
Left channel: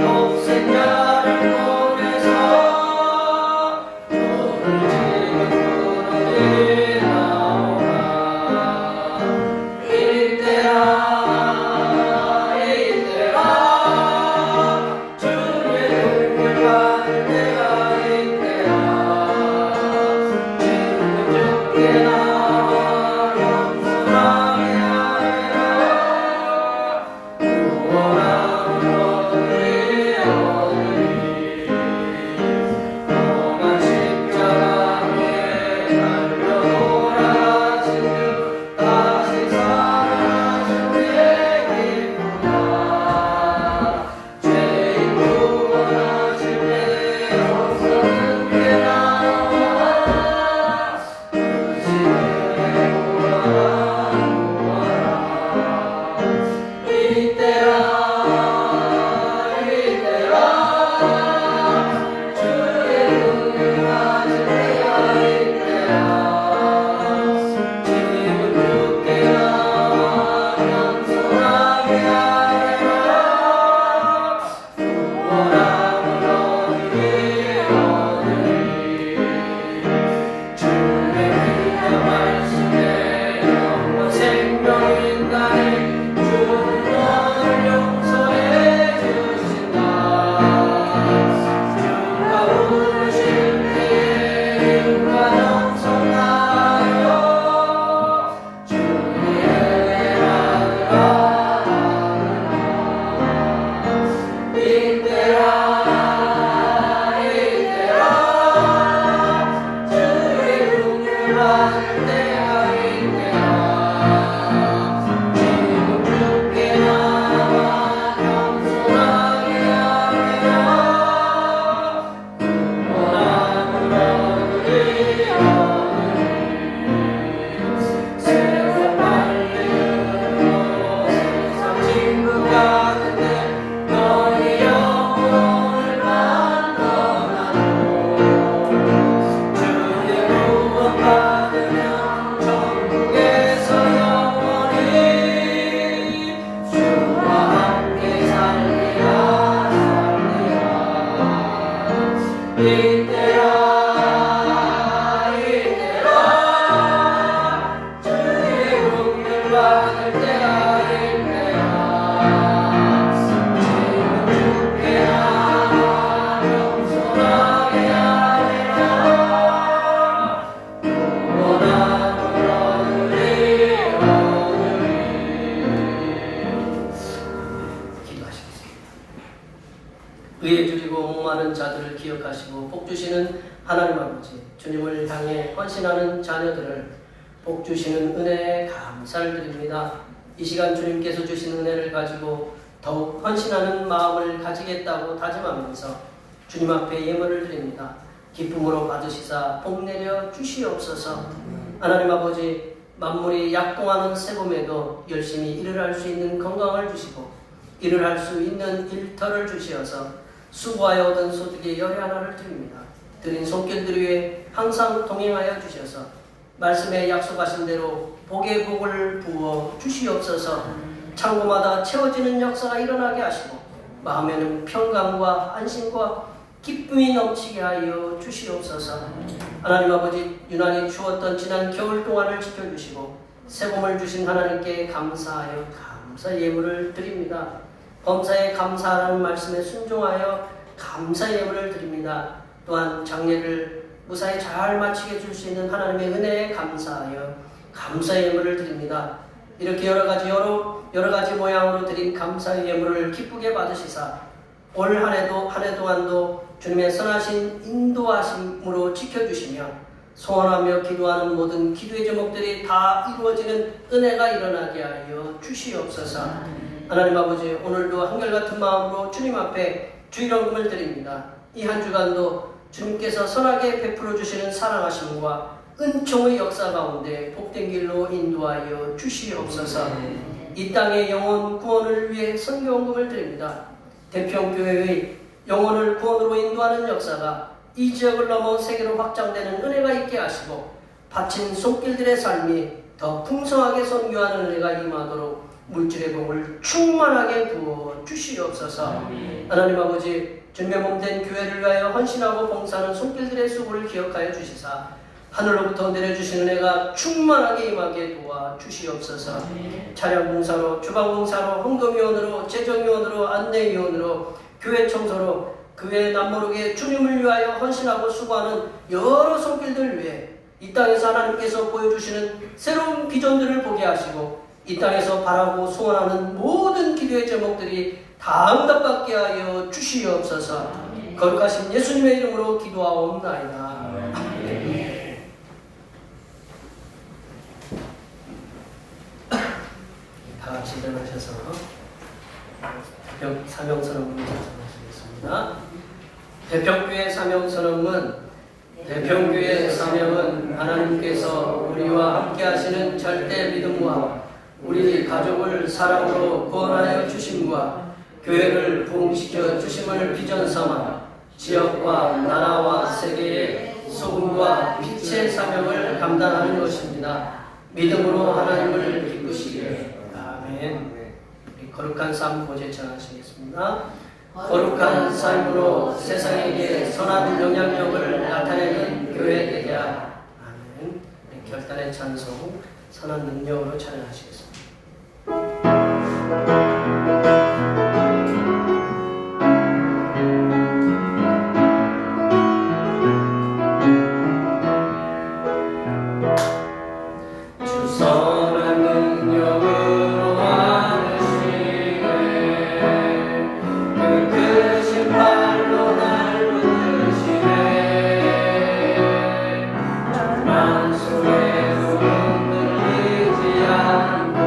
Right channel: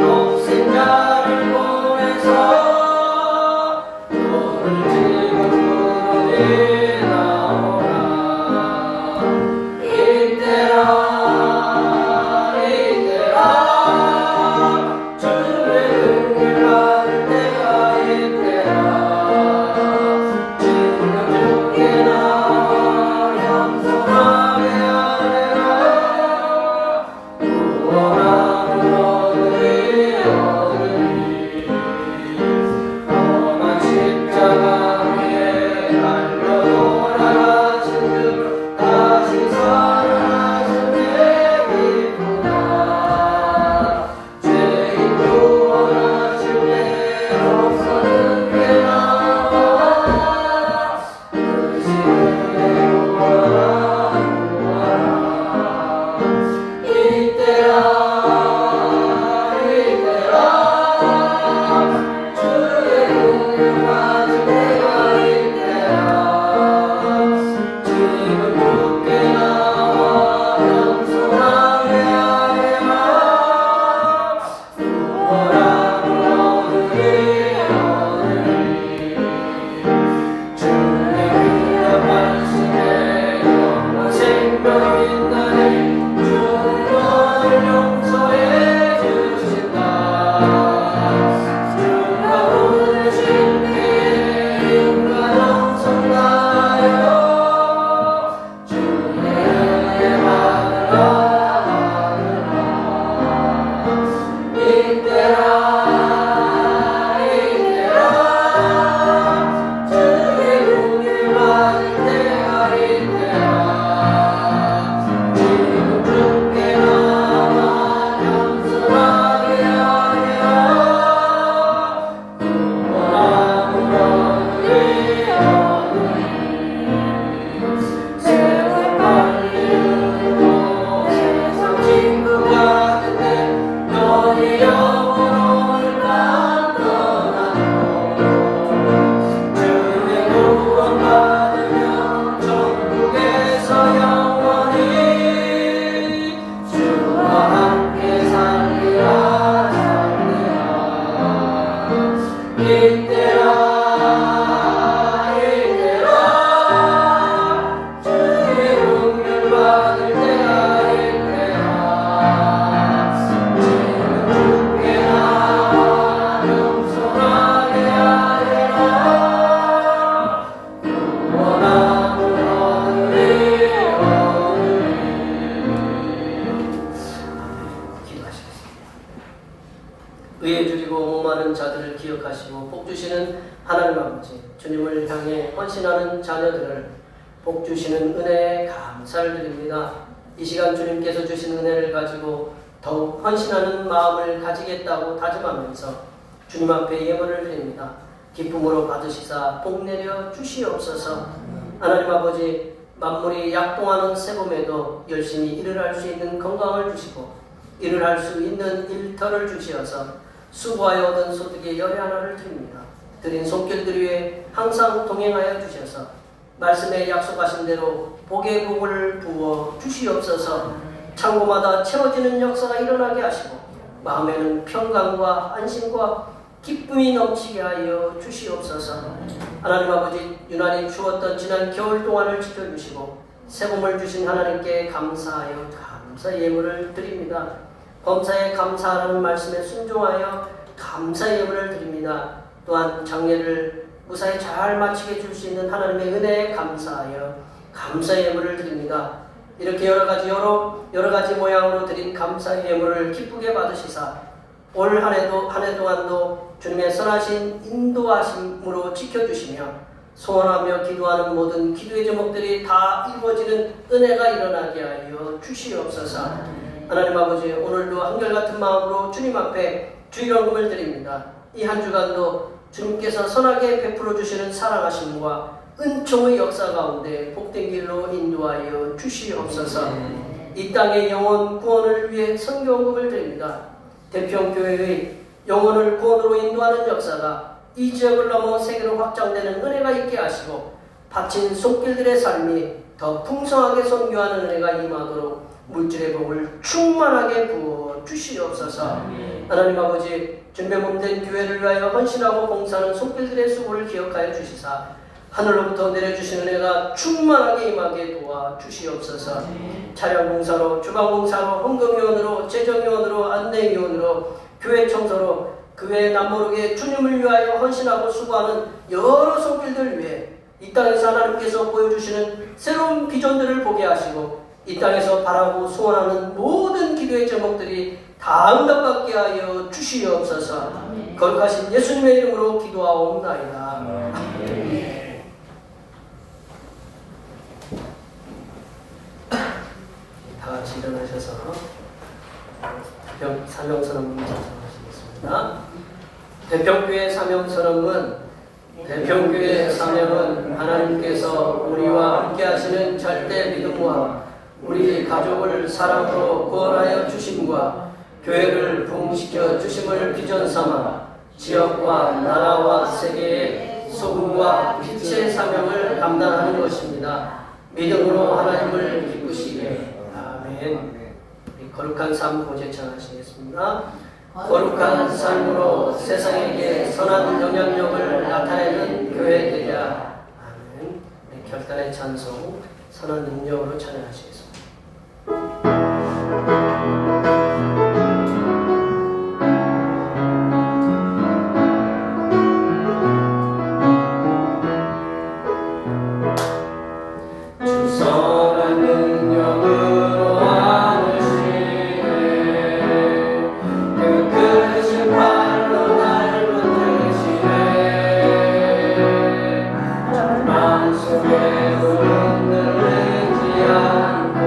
없앤 자를 보면서 받을 때가 될 때야 지금 주께 나와 겸손하게 하리라 구원함을 얻으리 기도하시겠습니다. 의에 줄이고 목마른 자들을 기억하시고 복 주시는 하나님 아버지, 주님을 향해 헌신하는 자녀들을 복 주시는 은혜에 감사를 드립니다. 이 시간 주님께서 주신 은혜를 가지고 더욱 헌신하는 마음을 가지겠다고 다짐하면서 주님 앞에 예물을 드립니다. 기쁨으로 받으시사 복 내려 주시옵소서. 하나님 아버지, 만물이 약동하는 세봄에도 열심히 일을 할 수 있는 건강을 주시고 일을 할 수 있는 일터를 주시어서 수고하여 얻은 소득의 열의 하나를 드립니다. 드린 손길들 위에 항상 동행하여 주셔서 말씀에 약속하신 대로 복의 복을 부어 주시옵소서. 창고마다 채워지는 역사가 일어나게 하시고 마음에는 평강과 안심과 기쁨이 넘치게 하여 주시옵소서. 하나님 아버지, 유난히 추웠던 지난 겨울 동안을 지켜주시고 새봄을 주신 하나님께 감사하여 감사 예물을 드립니다. 범사에 감사하라는 말씀에 순종하여 감사 예물을 드립니다. 또한 장례를 무사히 잘 마치게 해줄 수 있는 하나님의 은혜에 감사하여 감사 예물을 드립니다. 이렇게 여러 가지 모양으로 드린 감사 예물을 기쁘게 받으시사 올 한 해 동안도 주님의 선하신 인도하심으로 지켜주시며 소원하며 기도하는 모든 기도의 제목들이 다 이루어지는 은혜가 일어나게 하여 주시옵소서. 하나님 아버지, 오늘도 한결같은 마음으로 주님 앞에 주일원금을 드립니다. 이 한 주간도 주님께서 선하게 베풀어 주시는 사랑하심과 은총의 역사 가운데 복된 길로 인도하여 주시옵소서. 이 땅의 영혼 구원을 위해 선교원금을 드립니다. 대평교회의 영혼을 구원으로 인도하는 역사가 이 지역을 넘어 세계로 확장되는 은혜가 있게 하시고 바친 손길들의 삶이 더 풍성하게 선교하는 은혜가 임하도록 물질의 복을 충만하게 부어 주시옵소서. 하나님 아버지, 주님의 몸된 교회를 위하여 헌신하고 봉사하는 손길들의 수고를 기억하여 주시사 하늘로부터 내려주시는 은혜가 충만하게 임하게 도와 주시옵소서. 차량 봉사로, 주방 봉사로, 홍동위원으로, 재정위원으로, 안내위원으로, 교회 청소로 그 외에 남모르게 주님을 위하여 헌신하고 수고하는 여러 손길들 위해 이 땅에서 하나님께서 보여주시는 새로운 비전들을 보게 하시고 이 땅에서 바라고 소원하는 모든 기도의 제목들이 다 응답받게 하여 주시옵소서. 거룩하신 예수님의 이름으로 기도하옵나이다. 다 같이 일어나셔서 사명선언문을 작성하시겠습니다. 대평교회 대평교회 사명은 하나님께서 우리와 함께 하시는 절대 믿음과 우리 가족을 사랑으로 구원하여 주심과 교회를 부흥시켜 주심을 비전 삼아 지역과 나라와 세계의 소금과 빛의 사명을 감당하는 것입니다. 믿음으로 하나님을 기쁘시게. 아멘. 거룩한 삶 고제 찬하시겠습니다. 거룩한 삶으로 세상에게 선한 영향력을 나타내는 교회 되자. 아멘. 결단의 찬송 선한 능력으로 찬양하시겠습니다. 속에도 흔들리지 않고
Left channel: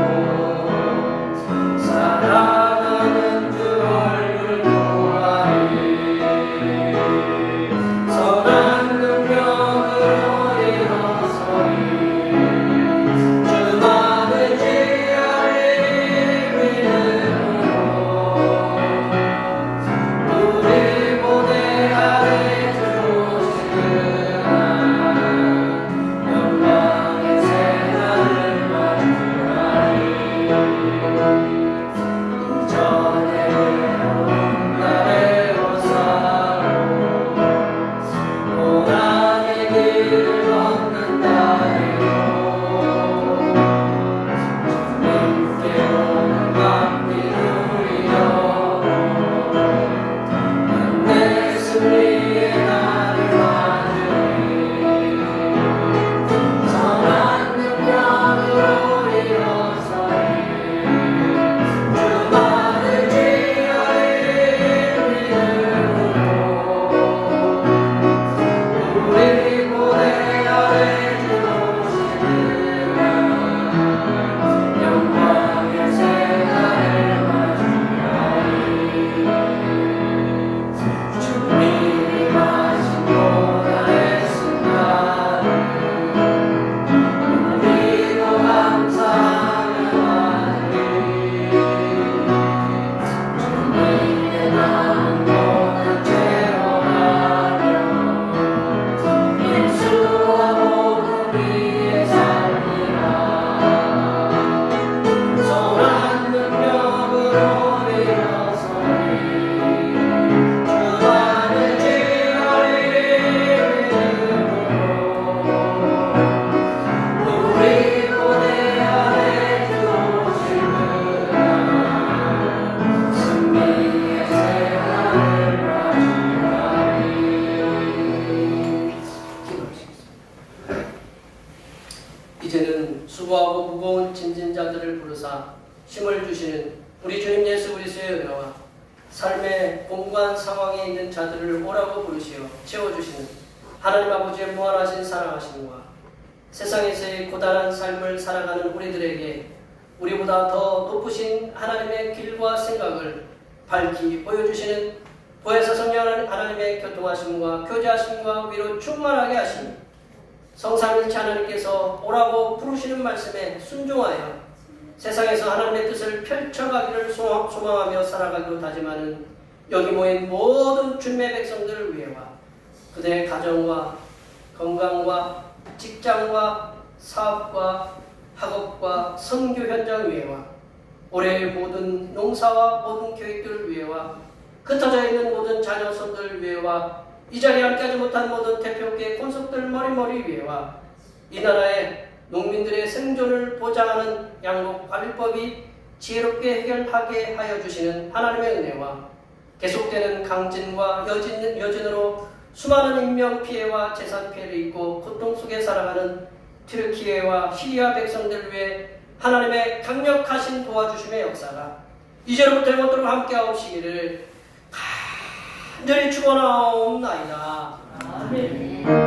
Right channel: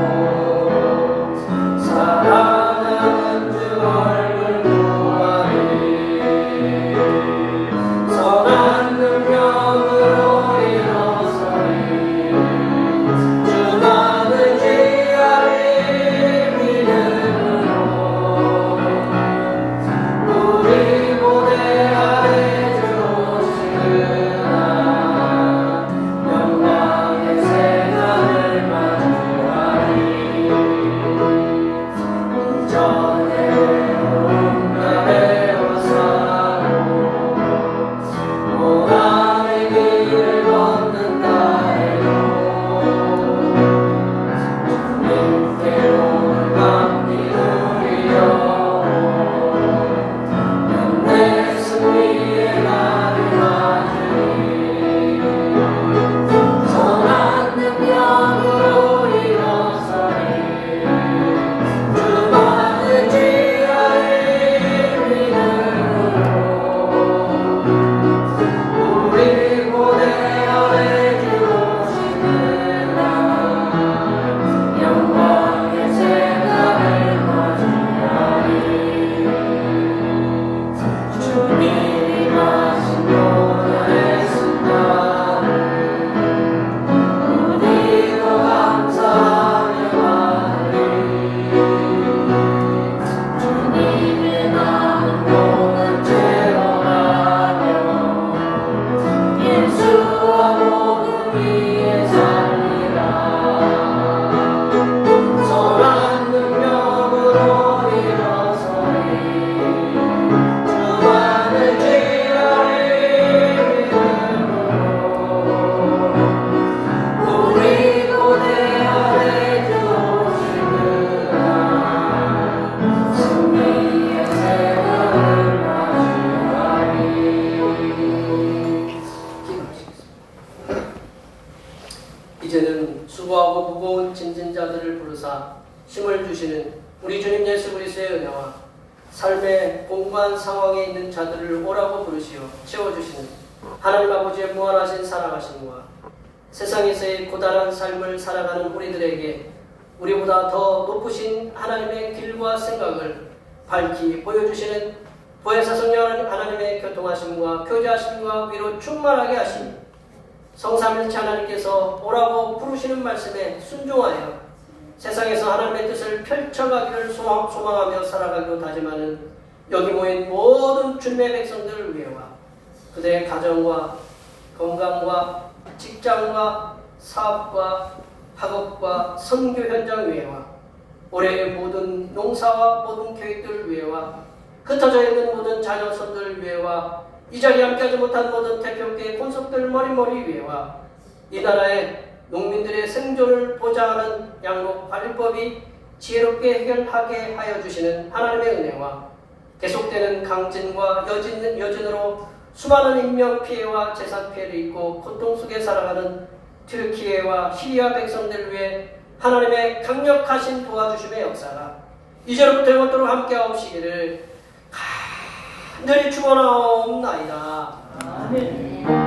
짐진 자들을 부르사 힘을 주시는 우리 주님 예수 그리스도의 은혜와 삶의 공고한 상황에 있는 자들을 오라고 부르시어 채워주시는 하나님 아버지의 무한하신 사랑하심과 세상에서의 고단한 삶을 살아가는 우리들에게 우리보다 더 높으신 하나님의 길과 생각을 밝히 보여주시는 보혜사 성령 하나님의 교통하심과 교제하심과 위로 충만하게 하시니 성삼일체 하나님께서 오라고 부르시는 말씀에 순종하여 세상에서 하나님의 뜻을 펼쳐가기를 소망하며 살아가기로 다짐하는 여기 모인 모든 주님의 백성들을 위해와 그들의 가정과 건강과 직장과 사업과 학업과 선교 현장 위에와 올해의 모든 농사와 모든 계획들을 위해와 흩어져 있는 모든 자녀손들 위해와 이 자리에 함께하지 못한 모든 대표께 콘석들 머리머리 위에와 이 나라의 농민들의 생존을 보장하는 양육관리법이 지혜롭게 해결하게 하여 주시는 하나님의 은혜와 계속되는 강진과 여진으로 수많은 인명피해와 재산피해를 입고 고통 속에 살아가는 튀르키예와 시리아 백성들을 위해 하나님의 강력하신 도와주심의 역사가 이제로부터 영원토록 함께하시기를 간절히 축원하옵나이다. 아멘.